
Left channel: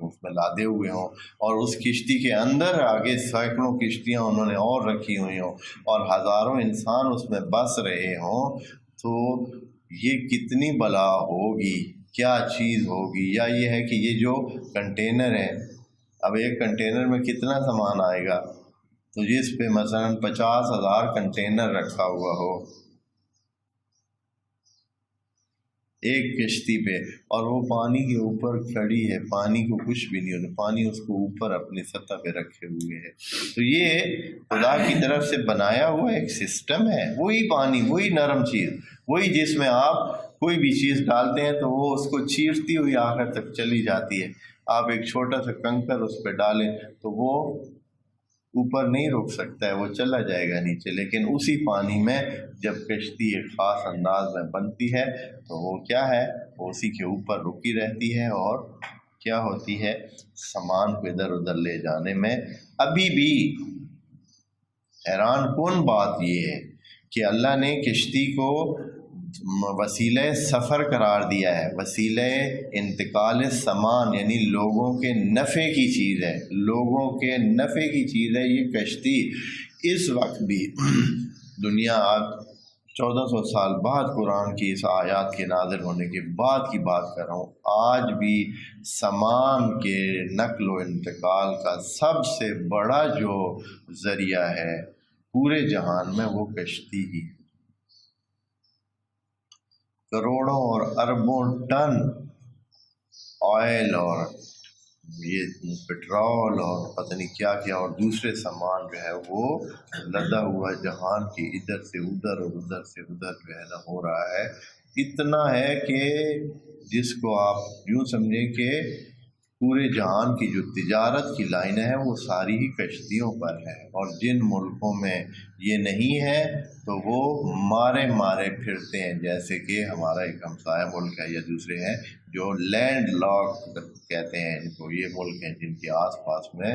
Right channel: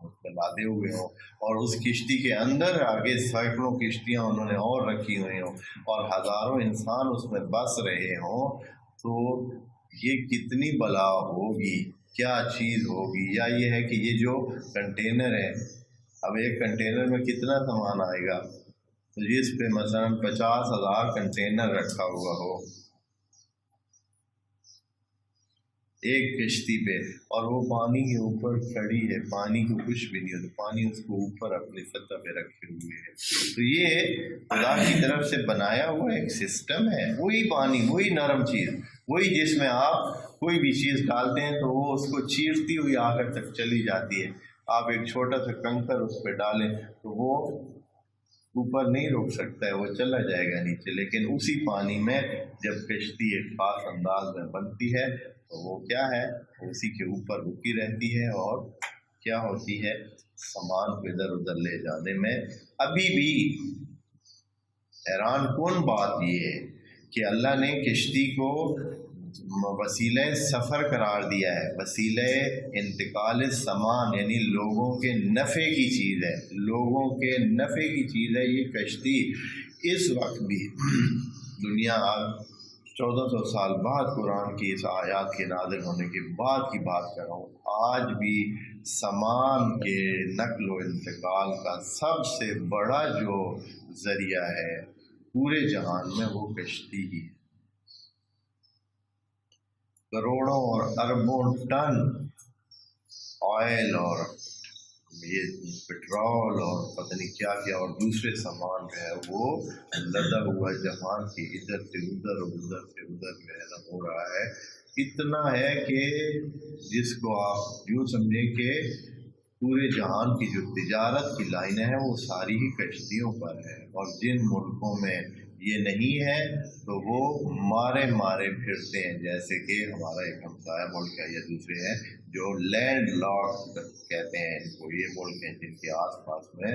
اس میں لادے ہوئے ہوں، اور اس کشتی کے اندر آگے سینکڑوں کشتیاں انہوں نے اور رکھی ہوئی ہوں، اور ہزاروں انسان اس میں بس رہے ہوں، تو یہ کتنی بلا ہوگی، کیا چیز ہوگی۔ یا یہ ہے کہ یہ جو کنٹینر ہے، اب ایک کنٹینر میں کتنا سامان آئے گا، تو جس پہ مثلاً 50,000 کنٹینر رکھا ہوا ہو ایک کشتی پہ، اور وہ پانی کے اوپر کھڑی ہے، پانی کو کچھ بھی نہیں ہوتا، پانی اس کو اوپر اپنی سطح پہ رکھے ہوئے ہے، تو یہ خدا کی طرف سے بنایا ہوا ایک سسٹم ہے۔ وہی پانی، وہی نرم چیز، وہی جس میں آپ کوئی بھی چیز ڈالتے ہیں تو وہ اس کو چیرتی ہوئی آخر تک چلی جاتی ہے۔ آپ ایک چھوٹا سا کنکر اس پہ ڈالیں تو وہ اوپر نہیں رک سکتا ہے، وہ چلا جائے گا نیچے، لیکن اسی پانی میں جب کشتی ایک خاص انداز میں بنتی ہے تو وہ کیا ہے، وہ اسی کے اوپر رکی رہتی ہے، اور کیا ہوتی ہے، سامان کو ادھر ادھر لے جانے میں۔ ابھی بھی حیران کن بات یہ ہے کہ اللہ نے کشتی کو وسیلہ سفر قرار دیا ہے، وسیلہ انتقال سامان، یعنی لوگوں کے نفع کی چیز ہے، لوگوں کے نفع کی چیز ہے یہ کشتی۔ اس وقت بھی دنیا 1400 سال بعد قرآن کی اس آیات کے نازل ہونے کے بعد کی بات کر رہا ہوں، آج بھی سامان کے نقل و انتقال کا سب سے بڑا جو ذریعہ ہے پورے جہان میں وہ کشتی ہی ہے۔ کروڑوں اور اربوں ٹن آئل اور یہ پٹرول اور پتہ نہیں کیا کیا اور دوسرے سامان جو ہے وہ لدا ہوا جہان کی ادھر سے ادھر اور ادھر سے ادھر جو ہے نا ہو رہا ہے۔ اتنا ہے کہ جس کو آپ یوں سمجھیں کہ پورے جہان کی جو تجارت کی لائنیں ہیں وہ ساری ہی کشتیوں پر ہے، اور جن ملکوں میں یہ نہیں ہے تو وہ مارے مارے پھرتے ہیں، جیسے کہ ہمارا ایک ہمسایہ ملک ہے یا دوسرے ہیں جو لینڈ لاک کہتے ہیں ان کو، یہ ملک ہیں جن کے آس پاس میں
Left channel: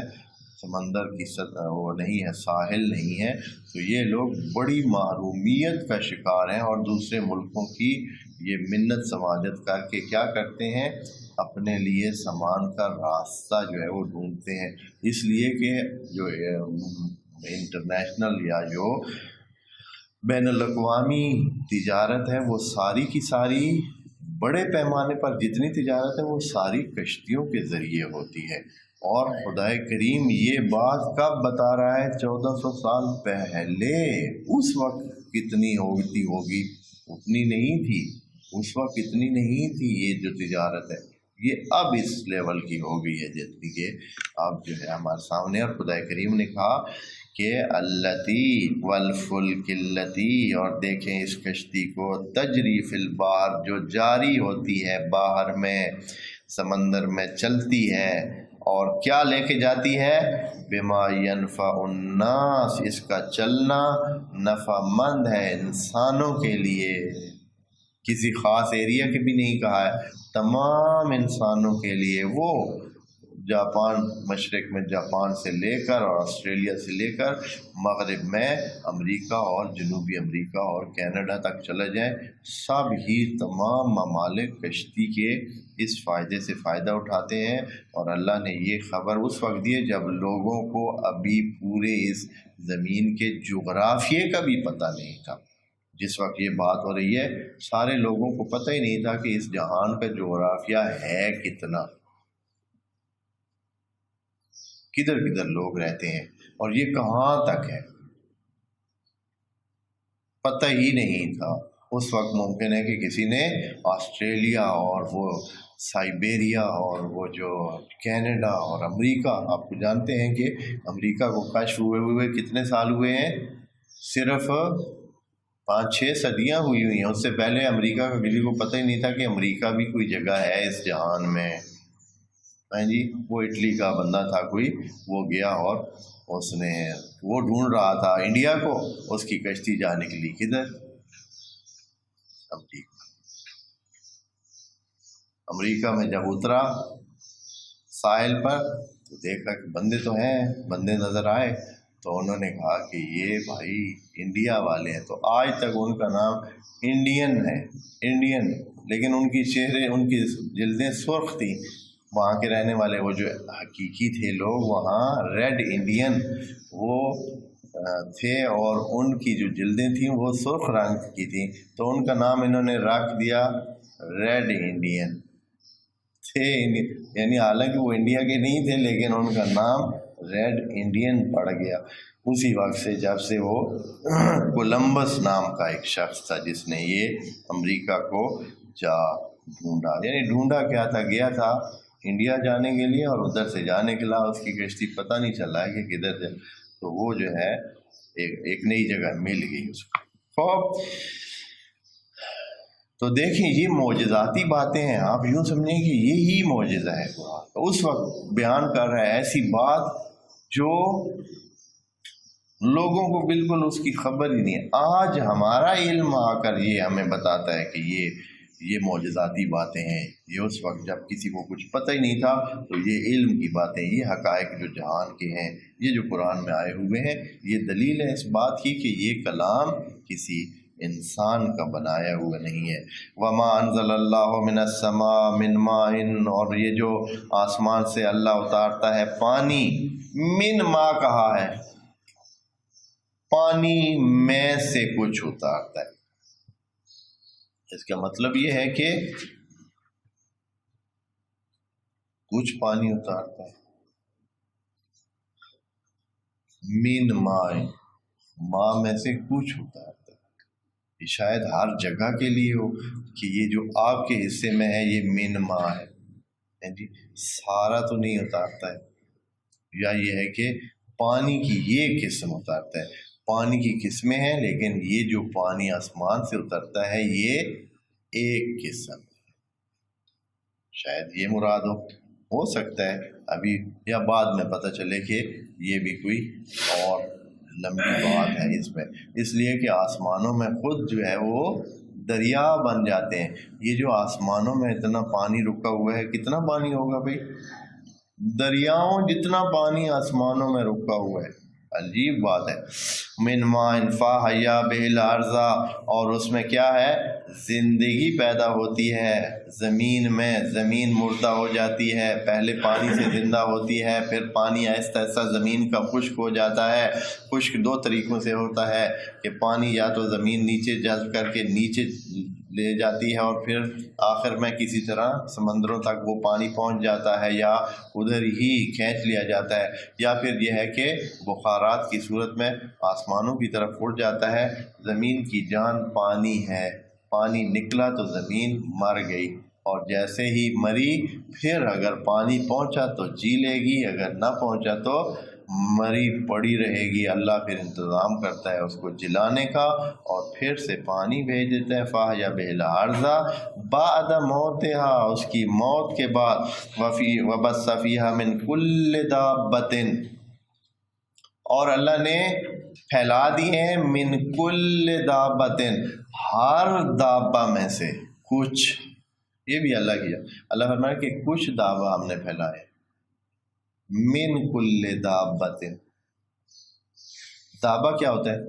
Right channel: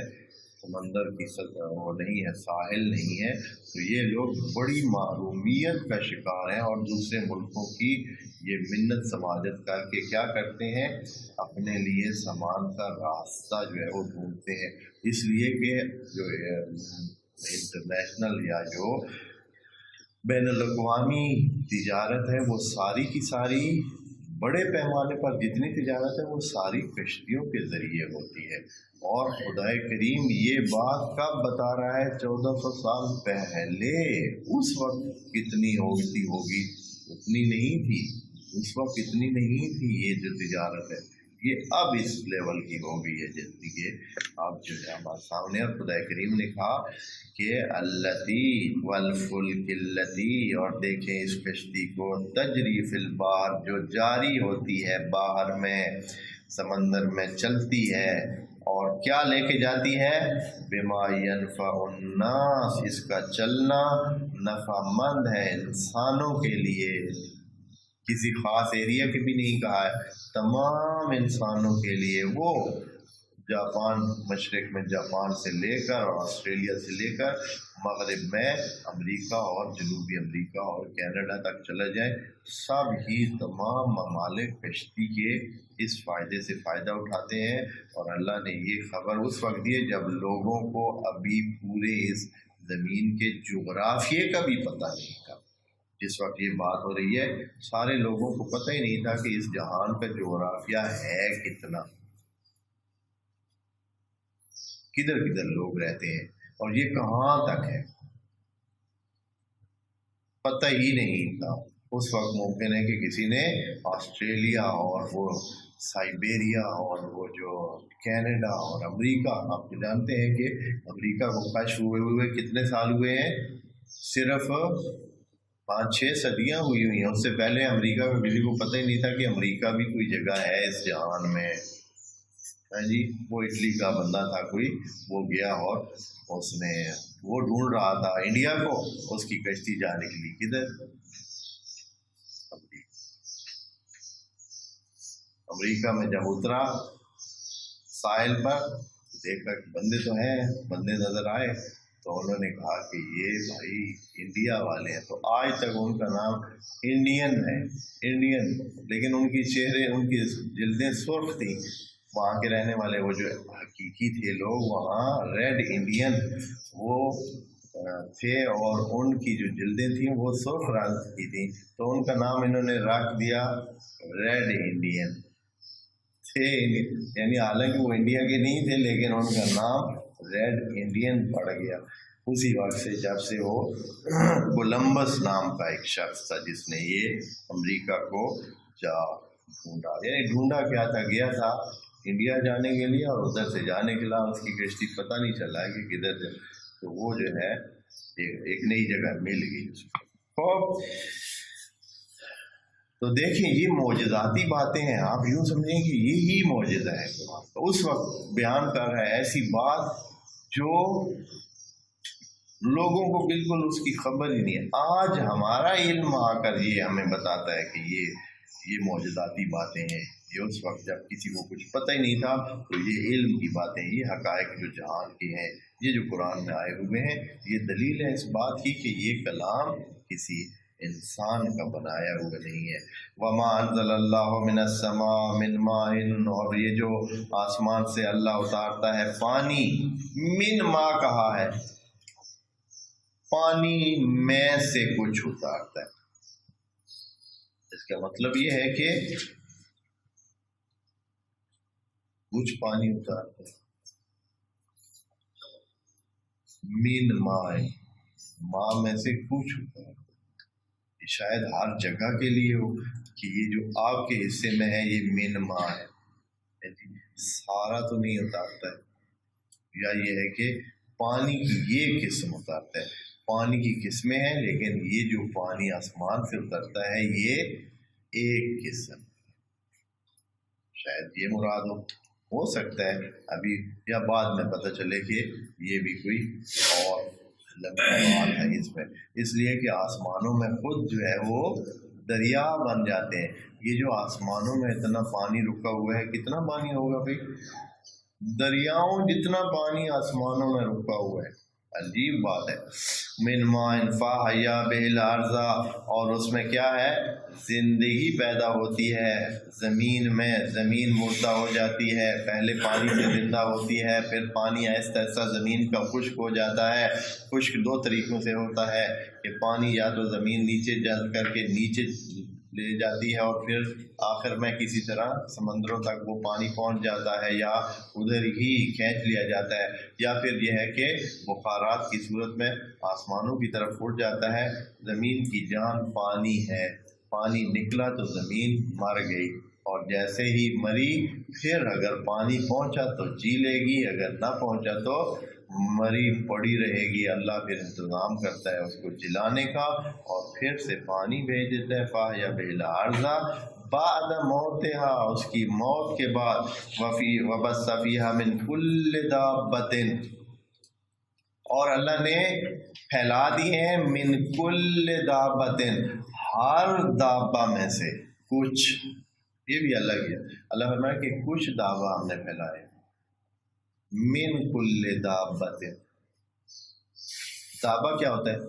سمندر کی وہ نہیں ہے، ساحل نہیں ہے، تو یہ لوگ بڑی محرومیت کا شکار ہیں، اور دوسرے ملکوں کی یہ منت سماجت کر کے کیا کرتے ہیں، اپنے لیے سامان کا راستہ جو ہے وہ ڈھونڈتے ہیں، اس لیے کہ جو انٹرنیشنل یا جو بین الاقوامی تجارت ہے وہ ساری کی ساری بڑے پیمانے پر جتنی تجارت ہے وہ ساری کشتیوں کے ذریعے ہوتی ہے۔ اور خدائے کریم یہ بات کب بتا رہا ہے؟ 1400 سال پہلے۔ اس وقت کتنی ہوگی اتنی نہیں تھی، اس وقت اتنی نہیں تھی یہ جو تجارت ہے، یہ اب اس لیول کی ہو گئی ہے جتنی کہ اب جو ہے ہمارے سامنے۔ اور خدائے کریم نے کہا کہ اللتی والفلک اللتی، اور دیکھیں اس کشتی کو، تجری فی البحر، جو جاری ہوتی ہے باہر میں، سمندر میں چلتی ہے، اور کیا لے کے جاتی ہے؟ بما ینفع الناس، اس کا چلنا نفع مند ہے انسانوں کے لیے، کسی خاص ایریا کے بھی نہیں کہا ہے، تمام انسانوں کے لیے۔ وہ جاپان، مشرق میں جاپان سے لے کر اور آسٹریلیا سے لے کر مغرب میں امریکہ اور جنوبی امریکہ اور کینیڈا تک چلا جائیں، سب ہی تمام ممالک کشتی کے اس فائدے سے فائدہ اٹھاتے ہیں۔ اور اللہ نے یہ خبر اس وقت دی جب لوگوں کو ابھی پورے اس زمین کے جغرافیے کا بھی پتہ نہیں تھا۔ جس وقت یہ بات ہو رہی ہے سارے لوگوں کو پتہ ہی نہیں تھا کہ اس جہان کا جغرافیہ ہے کتنا، کدھر کدھر لوگ رہتے ہیں اور یہ کہاں تک ہے، پتہ ہی نہیں تھا۔ اس وقت ممکن ہے کہ کسی نے آسٹریلیا اور وہ سائبیریا اور وہ جو کینیڈا اور امریکہ، آپ کو جانتے ہیں کہ امریکہ کو کشف ہوئے کتنے سال ہوئے ہیں؟ صرف 5-6 صدیاں ہوئی ہیں۔ اس سے پہلے امریکہ کا کسی کو پتہ ہی نہیں تھا کہ امریکہ بھی کوئی جگہ ہے اس جہان میں۔ ہاں جی، وہ اٹلی کا بندہ تھا کوئی، وہ گیا اور اس نے وہ ڈھونڈ رہا تھا انڈیا کو، اس کی کشتی جا نکلی کدھر؟ امریکہ میں جب اترا ساحل پر تو دیکھا کہ بندے تو ہیں، بندے نظر آئے تو انہوں نے کہا کہ یہ بھائی انڈیا والے ہیں، تو آج تک ان کا نام انڈین ہے، انڈین، لیکن ان کی چہرے، ان کی جلدیں سرخ تھیں۔ وہاں کے رہنے والے وہ جو حقیقی تھے لوگ وہاں ریڈ انڈین وہ تھے، اور ان کی جو جلدیں تھیں وہ سرخ رنگ کی تھیں، تو ان کا نام انہوں نے رکھ دیا ریڈ انڈین تھے، یعنی حالانکہ وہ انڈیا کے نہیں تھے لیکن ان کا نام ریڈ انڈین پڑ گیا۔ اسی وقت سے جب سے وہ کولمبس نام کا ایک شخص تھا جس نے یہ امریکہ کو جا ڈھونڈا، یعنی ڈھونڈا کیا تھا، گیا تھا انڈیا جانے کے لیے اور ادھر سے جانے کے علاوہ اس کی کشتی پتہ نہیں چلا کہ کدھر سے، تو وہ جو ہے ایک نئی جگہ مل گئی اس کو۔ خوب، تو دیکھیں یہ معجزاتی باتیں ہیں، آپ یوں سمجھیں کہ یہی معجزہ ہے قرآن۔ اس وقت بیان کر رہا ہے ایسی بات جو لوگوں کو بالکل اس کی خبر ہی نہیں ہے۔ آج ہمارا علم آ کر یہ ہمیں بتاتا ہے کہ یہ معجزاتی باتیں ہیں، یہ اس وقت جب کسی کو کچھ پتہ ہی نہیں تھا تو یہ علم کی باتیں، یہ حقائق جو جہان کے ہیں، یہ جو قرآن میں آئے ہوئے ہیں، یہ دلیل ہے اس بات کی کہ یہ کلام کسی انسان کا بنایا ہوا نہیں ہے۔ وما انزل اللہ من السماء من ماء، اور یہ جو آسمان سے اللہ اتارتا ہے پانی، من ماء کہا ہے، پانی میں سے کچھ اتارتا ہے، اس کا مطلب یہ ہے کہ کچھ پانی اتارتا ہے من مائن، ماں میں سے کچھ اتارتا ہے. یہ شاید ہر جگہ کے لیے ہو کہ یہ جو آپ کے حصے میں ہے یہ من ماں ہے جی، سارا تو نہیں اتارتا ہے. یا یہ ہے کہ پانی کی یہ قسم اتارتا ہے. پانی کی قسمیں ہیں لیکن یہ جو پانی آسمان سے اترتا ہے یہ ایک قسم، شاید یہ مراد ہو سکتا ہے ابھی یا بعد میں پتہ چلے کہ یہ بھی کوئی اور لمبی بات ہے اس میں. اس لیے کہ آسمانوں میں خود جو ہے وہ دریا بن جاتے ہیں. یہ جو آسمانوں میں اتنا پانی رکا ہوا ہے، کتنا پانی ہوگا بھائی؟ دریاؤں جتنا پانی آسمانوں میں رکا ہوا ہے. عجیب بات ہے. من ماء فاحیا بہ الارض، اور اس میں کیا ہے؟ زندگی پیدا ہوتی ہے زمین میں. زمین مردہ ہو جاتی ہے، پہلے پانی سے زندہ ہوتی ہے، پھر پانی آہستہ آہستہ زمین کا خشک ہو جاتا ہے. خشک دو طریقوں سے ہوتا ہے کہ پانی یا تو زمین نیچے جذب کر کے نیچے لے جاتی ہے اور پھر آخر میں کسی طرح سمندروں تک وہ پانی پہنچ جاتا ہے، یا ادھر ہی کھینچ لیا جاتا ہے، یا پھر یہ ہے کہ بخارات کی صورت میں آسمانوں کی طرف اڑ جاتا ہے. زمین کی جان پانی ہے، پانی نکلا تو زمین مر گئی، اور جیسے ہی مری پھر اگر پانی پہنچا تو جی لے گی، اگر نہ پہنچا تو مری پڑی رہے گی. اللہ پھر انتظام کرتا ہے اس کو جلانے کا اور پھر سے پانی بھیج دیتا ہے. فاحیا بہ الارض بعد موتہا، اس کی موت کے بعد. وبث فیہا من کل دابۃ، اور اللہ نے پھیلا دی ہیں من کل دابۃ، ہر دابہ میں سے کچھ. یہ بھی اللہ کیا، اللہ فرمایا کہ کچھ دابہ ہم نے پھیلائے. من کل دابۃ، دابہ کیا ہوتا ہے؟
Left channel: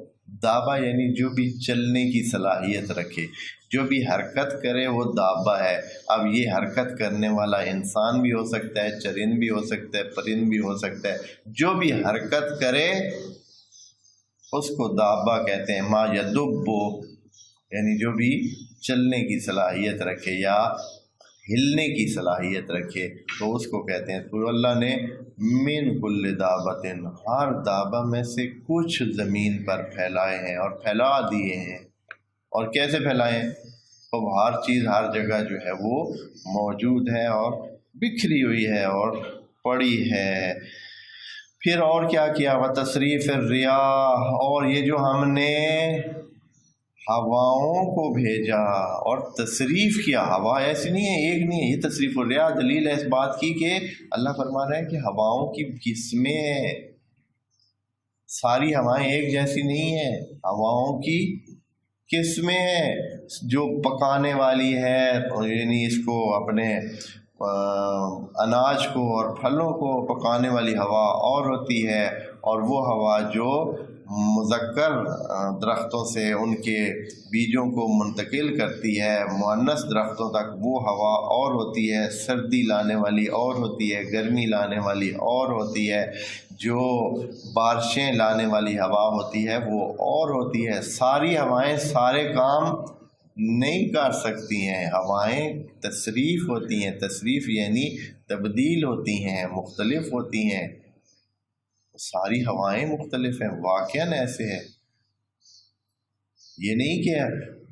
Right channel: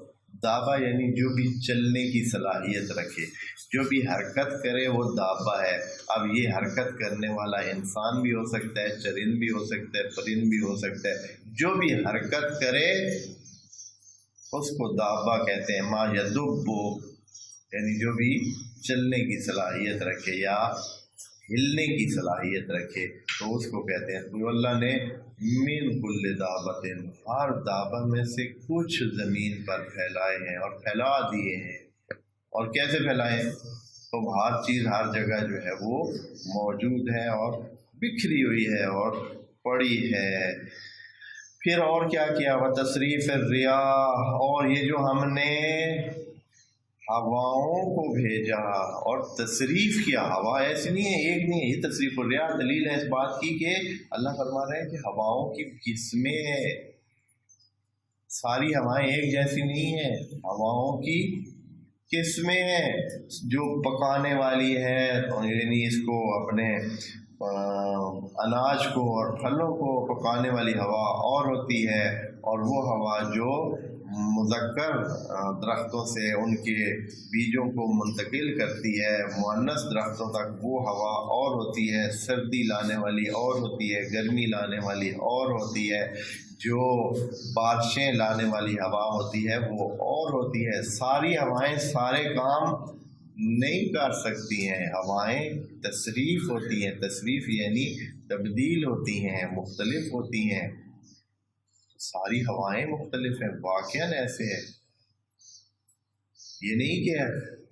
دابہ یعنی جو بھی چلنے کی صلاحیت رکھے، جو بھی حرکت کرے وہ دابہ ہے. اب یہ حرکت کرنے والا انسان بھی ہو سکتا ہے، چرند بھی ہو سکتا ہے، پرند بھی ہو سکتا ہے. جو بھی حرکت کرے اس کو دابہ کہتے ہیں. ما یدب، یعنی جو بھی چلنے کی صلاحیت رکھے یا ہلنے کی صلاحیت رکھے تو اس کو کہتے ہیں. تو اللہ نے من کل دابۃ، ہر دابہ میں سے کچھ زمین پر پھیلائے ہیں اور پھیلا دیے ہیں. اور کیسے پھیلائے ہیں؟ تو ہر چیز ہر جگہ جو ہے وہ موجود ہے اور بکھری ہوئی ہے اور پڑی ہے. پھر اور کیا کیا؟ وتصریف الریاح، اور یہ جو ہم نے ہواؤں کو بھیجا اور تصریف کیا. ہوا ایسی نہیں ہے، ایک نہیں ہے، یہ تصریف الریاح دلیل ہے اس بات کی کہ اللہ فرما رہے ہیں کہ ہواؤں کی قسمیں، ساری ہوائیں ایک جیسی نہیں ہیں. ہواؤں کی قسمیں ہیں، جو پکانے والی ہے، یعنی اس کو اپنے اناج کو اور پھلوں کو پکانے والی ہوا اور ہوتی ہے، اور وہ ہوا جو مذکر درختوں سے ان کے بیجوں کو منتقل کرتی ہے مؤنث درختوں تک، وہ ہوا اور ہوتی ہے. سردی لانے والی اور ہوتی ہے، گرمی لانے والی اور ہوتی ہے، جو بارشیں لانے والی ہوا ہوتی ہے وہ اور ہوتی ہے. ساری ہوائیں سارے کام نہیں کر سکتی ہیں. ہوائیں تصریف ہوتی ہیں، تصریف یعنی تبدیل ہوتی ہیں، مختلف ہوتی ہیں. ساری ہوائیں مختلف ہیں، واقعاً ایسے ہے. یہ نہیں کہ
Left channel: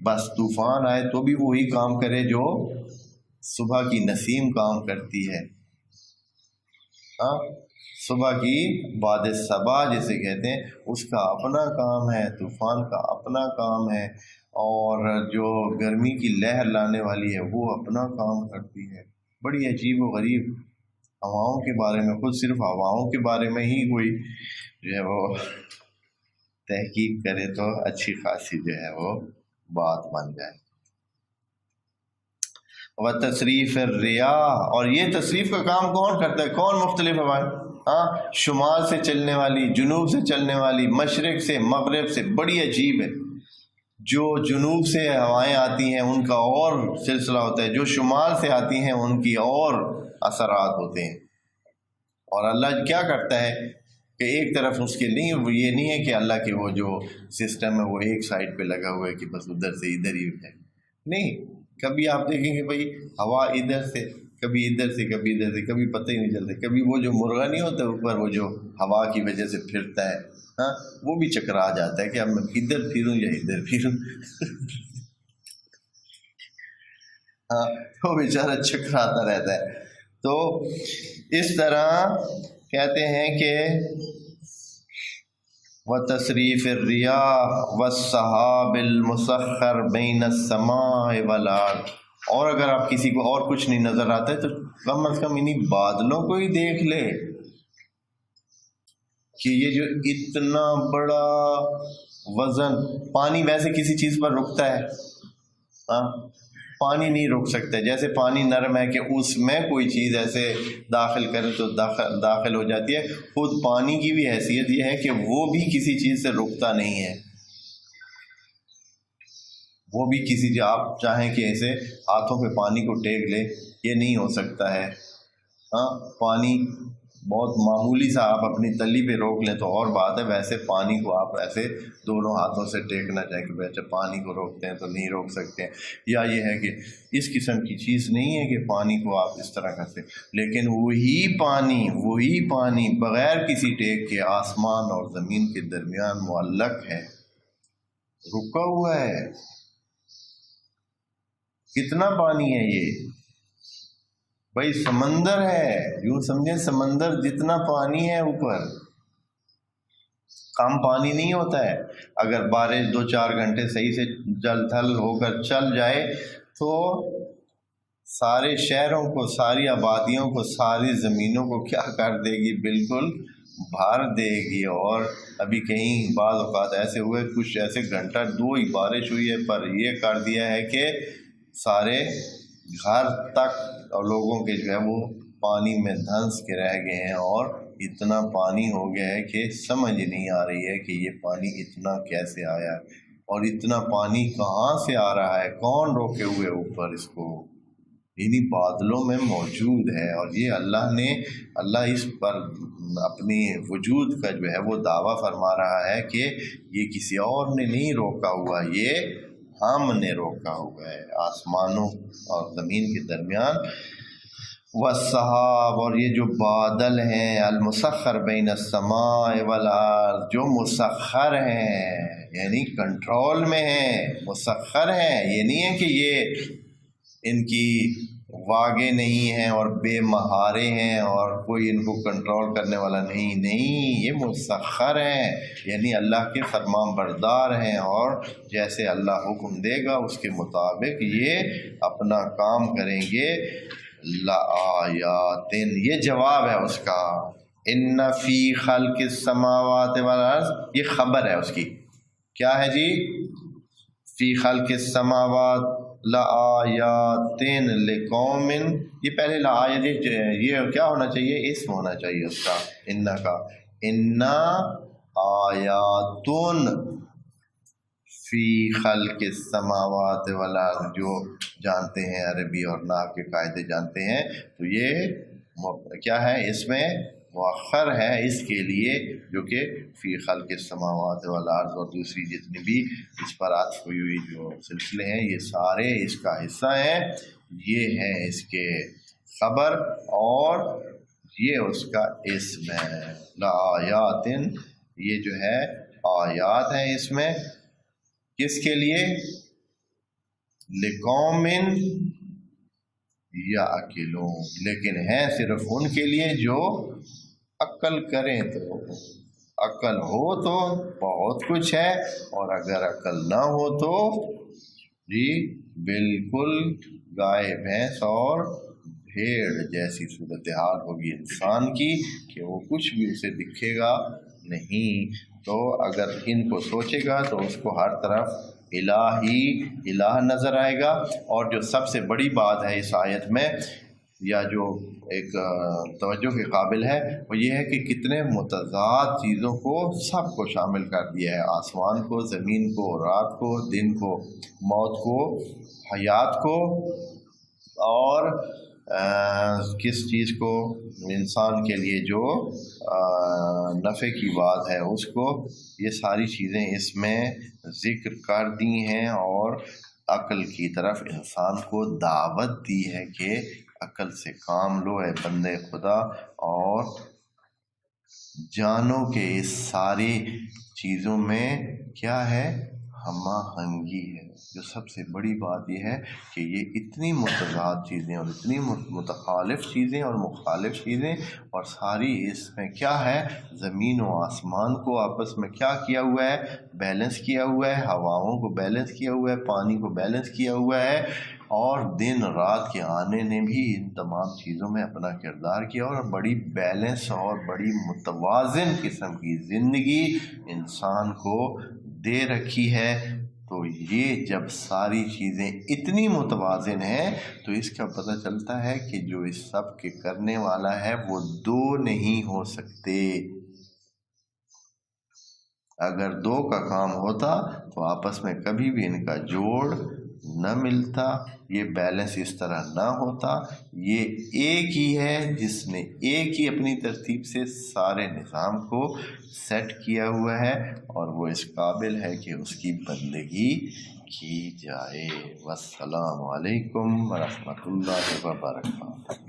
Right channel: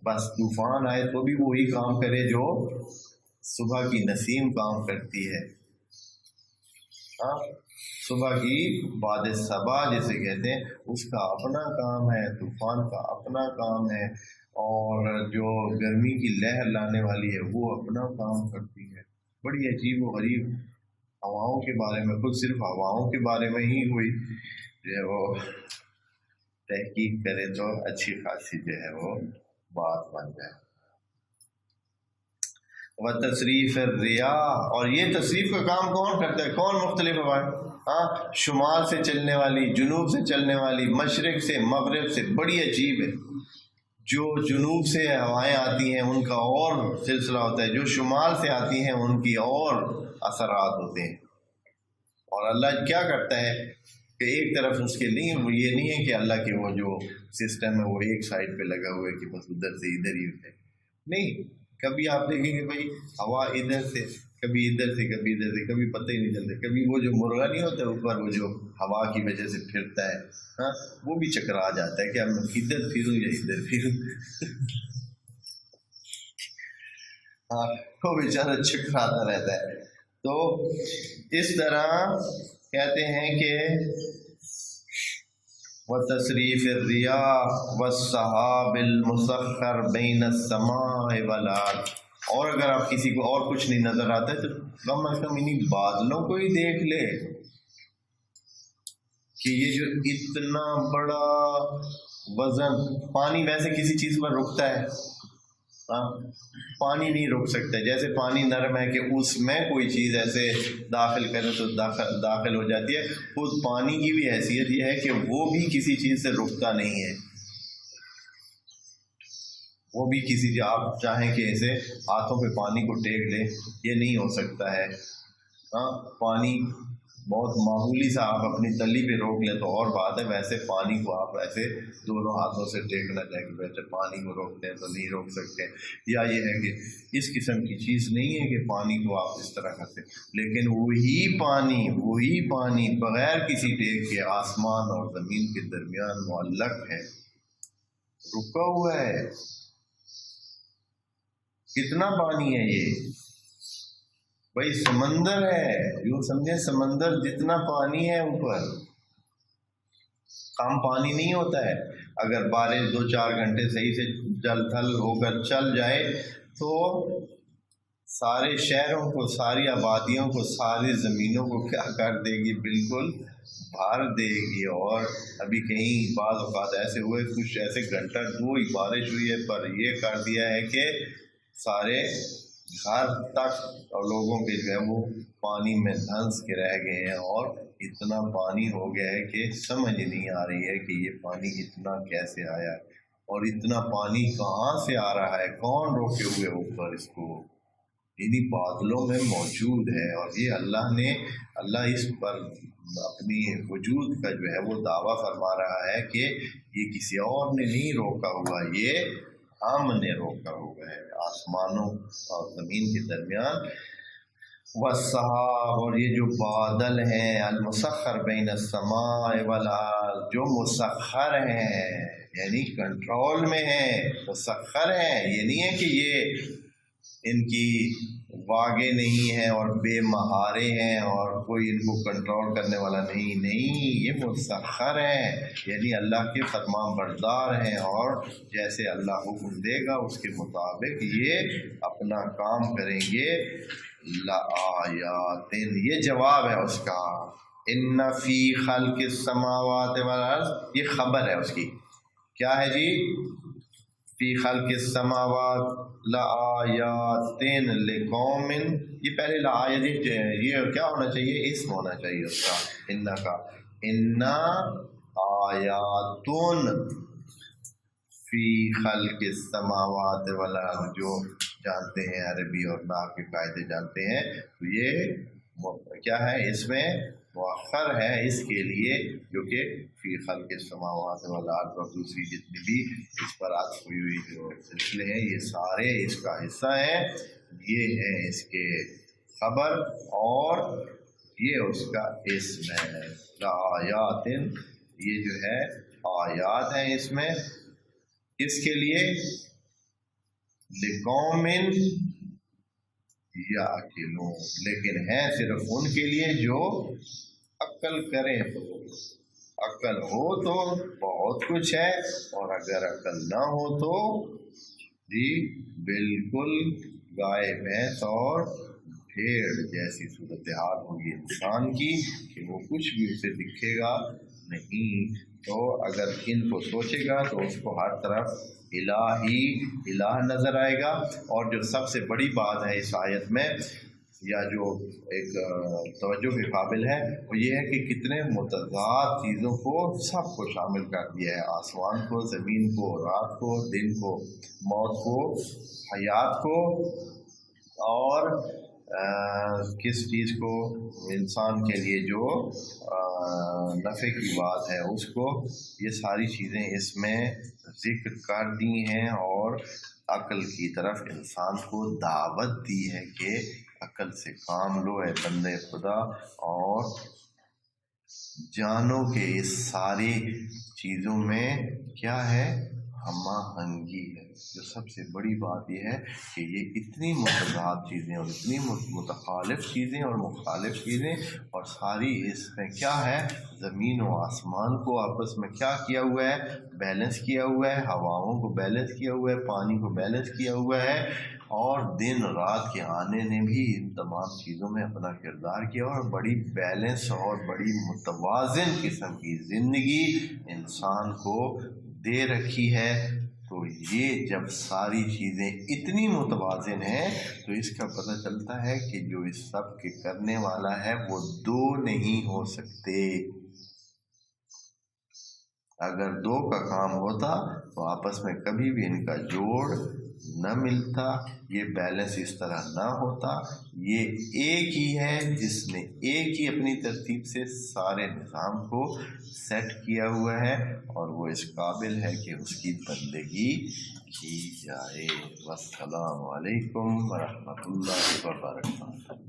بس طوفان آئے تو بھی وہی کام کرے جو صبح کی نسیم کام کرتی ہے. ہاں، صبح کی باد صبا جسے کہتے ہیں، اس کا اپنا کام ہے، طوفان کا اپنا کام ہے، اور جو گرمی کی لہر لانے والی ہے وہ اپنا کام کرتی ہے. بڑی عجیب و غریب ہواؤں کے بارے میں، خود صرف ہواؤں کے بارے میں ہی کوئی جو ہے وہ تحقیق کرے تو اچھی خاصی جو ہے وہ بات بن جائے. وتصریف الریاح، اور یہ تصریف کا کام کون کرتا ہے؟ کون؟ مختلف ہوائیں. ہاں، شمال سے چلنے والی، جنوب سے چلنے والی، مشرق سے، مغرب سے. بڑی عجیب ہے. جو جنوب سے ہوائیں آتی ہیں ان کا اور سلسلہ ہوتا ہے، جو شمال سے آتی ہیں ان کی اور اثرات ہوتے ہیں. اور اللہ کیا کرتا ہے کہ ایک طرف اس کے نہیں، وہ یہ نہیں ہے کہ اللہ کے وہ جو سسٹم ہے وہ ایک سائڈ پہ لگا ہوا ہے کہ بس ادھر سے ادھر ہی ہے. نہیں، کبھی آپ دیکھیں گے بھائی ہوا ادھر سے کبھی ادھر سے کبھی ادھر سے، کبھی پتہ ہی نہیں چلتا، کبھی وہ جو مرغا نہیں ہوتا اوپر وہ جو ہوا کی وجہ سے پھرتا ہے، ہاں وہ بھی چکرا جاتا ہے کہ اب میں ادھر پھروں یا ادھر پھروں ہاں وہ بیچارہ چکراتا رہتا ہے۔ تو اس طرح کہتے ہیں کہ وَتَصْرِيفِ الرِّيَاحِ وَالسَّحَابِ الْمُسَخَّرِ بَيْنَ السَّمَاءِ وَالْأَرْضِ، اور اگر آپ کسی کو اور کچھ نہیں نظر آتا ہے تو کم از کم انہی بادلوں کو ہی دیکھ لے کہ یہ جو اتنا بڑا وزن، پانی ویسے کسی چیز پر رکتا ہے؟ ہاں پانی نہیں رک سکتا، جیسے پانی نرم ہے کہ اس میں کوئی چیز ایسے داخل کرے تو داخل ہو جاتی ہے، خود پانی کی بھی حیثیت یہ ہے کہ وہ بھی کسی چیز سے رکتا نہیں ہے، وہ بھی کسی آپ چاہیں کہ ایسے ہاتھوں پہ پانی کو ٹیک لے، یہ نہیں ہو سکتا ہے۔ ہاں پانی بہت معمولی سا آپ اپنی تلی پہ روک لیں تو اور بات ہے، ویسے پانی کو آپ ایسے دونوں ہاتھوں سے ٹیکنا چاہیے کہ اچھا پانی کو روکتے ہیں تو نہیں روک سکتے ہیں، یا یہ ہے کہ اس قسم کی چیز نہیں ہے کہ پانی کو آپ اس طرح کرتے، لیکن وہی پانی بغیر کسی ٹیک کے آسمان اور زمین کے درمیان معلق ہے، رکا ہوا ہے۔ کتنا پانی ہے یہ بھائی؟ سمندر ہے، یوں سمجھیں سمندر جتنا پانی ہے اوپر، کم پانی نہیں ہوتا ہے۔ اگر بارش 2-4 گھنٹے صحیح سے جل تھل ہو کر چل جائے تو سارے شہروں کو، ساری آبادیوں کو، ساری زمینوں کو کیا کر دے گی؟ بالکل بھر دے گی۔ اور ابھی کہیں بعض اوقات ایسے ہوئے، کچھ ایسے گھنٹہ 2 ہی بارش ہوئی ہے پر یہ کر دیا ہے کہ سارے گھر تک اور لوگوں کے جو ہے وہ پانی میں دھنس کے رہ گئے ہیں، اور اتنا پانی ہو گیا ہے کہ سمجھ نہیں آ رہی ہے کہ یہ پانی اتنا کیسے آیا ہے، اور اتنا پانی کہاں سے آ رہا ہے، کون روکے ہوئے اوپر اس کو؟ انہی بادلوں میں موجود ہے، اور یہ اللہ اس پر اپنی وجود کا جو ہے وہ دعویٰ فرما رہا ہے کہ یہ کسی اور نے نہیں روکا ہوا، یہ ہم نے روکا ہوا ہے آسمانوں اور زمین کے درمیان۔ والسحاب، اور یہ جو بادل ہیں، المسخر بین السماء والارض، جو مسخر ہیں یعنی کنٹرول میں ہیں، مسخر ہیں، یہ نہیں ہے کہ یہ ان کی واگے نہیں ہیں اور بے مہارے ہیں اور کوئی ان کو کنٹرول کرنے والا نہیں، یہ مسخر ہیں، یعنی اللہ کے فرمان بردار ہیں، اور جیسے اللہ حکم دے گا اس کے مطابق یہ اپنا کام کریں گے۔ لآیات، یہ جواب ہے اس کا، ان فی خلق السماوات والارض، یہ خبر ہے اس کی، کیا ہے جی؟ فی خلق السماوات لآیات لقوم، یہ پہلے لآیات یہ کیا ہونا چاہیے؟ اسم ہونا چاہیے اس کا، ان کا، ان آیات فی خلق السماوات والارض، جو جانتے ہیں عربی اور نحو کے قاعدے جانتے ہیں تو یہ کیا ہے؟ اس میں مؤخر ہے اس کے لیے جو کہ فی خلق السماوات والارض، اور دوسری جتنی بھی اس پر عطف ہوئی ہوئی جو سلسلے ہیں یہ سارے اس کا حصہ ہیں، یہ ہیں اس کے خبر اور یہ اس کا اسم ہے۔ لآیات، یہ جو ہے آیات ہیں اس میں، کس کے لیے؟ لقوم یعقلون، لیکن ہے صرف ان کے لیے جو عقل کریں، تو عقل ہو تو بہت کچھ ہے، اور اگر عقل نہ ہو تو جی بالکل گائے بھینس اور بھیڑ جیسی صورتحال ہوگی انسان کی کہ وہ کچھ بھی اسے دکھے گا نہیں۔ تو اگر ان کو سوچے گا تو اس کو ہر طرف الہ نظر آئے گا۔ اور جو سب سے بڑی بات ہے اس آیت میں، یا جو ایک توجہ کے قابل ہے، وہ یہ ہے کہ کتنے متضاد چیزوں کو سب کو شامل کر دیا ہے، آسمان کو، زمین کو، رات کو، دن کو، موت کو، حیات کو، اور کس چیز کو؟ انسان کے لیے جو نفع کی بات ہے اس کو، یہ ساری چیزیں اس میں ذکر کر دی ہیں، اور عقل کی طرف انسان کو دعوت دی ہے کہ عقل سے کام لو اے بندے خدا، اور جانو کہ اس ساری چیزوں میں کیا ہے، ہم آہنگی ہے۔ جو سب سے بڑی بات یہ ہے کہ یہ اتنی متضاد چیزیں اور اتنی متخالف چیزیں اور مخالف چیزیں، اور ساری اس میں کیا ہے، زمین و آسمان کو آپس میں کیا کیا ہوا ہے، بیلنس کیا ہوا ہے، ہواؤں کو بیلنس کیا ہوا ہے، پانی کو بیلنس کیا ہوا ہے، اور دن رات کے آنے نے بھی ان تمام چیزوں میں اپنا کردار کیا، اور بڑی بیلنس اور بڑی متوازن قسم کی زندگی انسان کو دے رکھی ہے۔ تو یہ جب ساری چیزیں اتنی متوازن ہیں تو اس کا پتہ چلتا ہے کہ جو اس سب کے کرنے والا ہے وہ دو نہیں ہو سکتے۔ اگر دو کا کام ہوتا تو آپس میں کبھی بھی ان کا جوڑ نہ ملتا، یہ بیلنس اس طرح نہ ہوتا۔ یہ ایک ہی ہے جس نے ایک ہی اپنی ترتیب سے سارے نظام کو سیٹ کیا ہوا ہے، اور وہ اس قابل ہے کہ اس کی بندگی کی جائے۔ والسلام علیکم ورحمۃ اللہ وبرکاتہ۔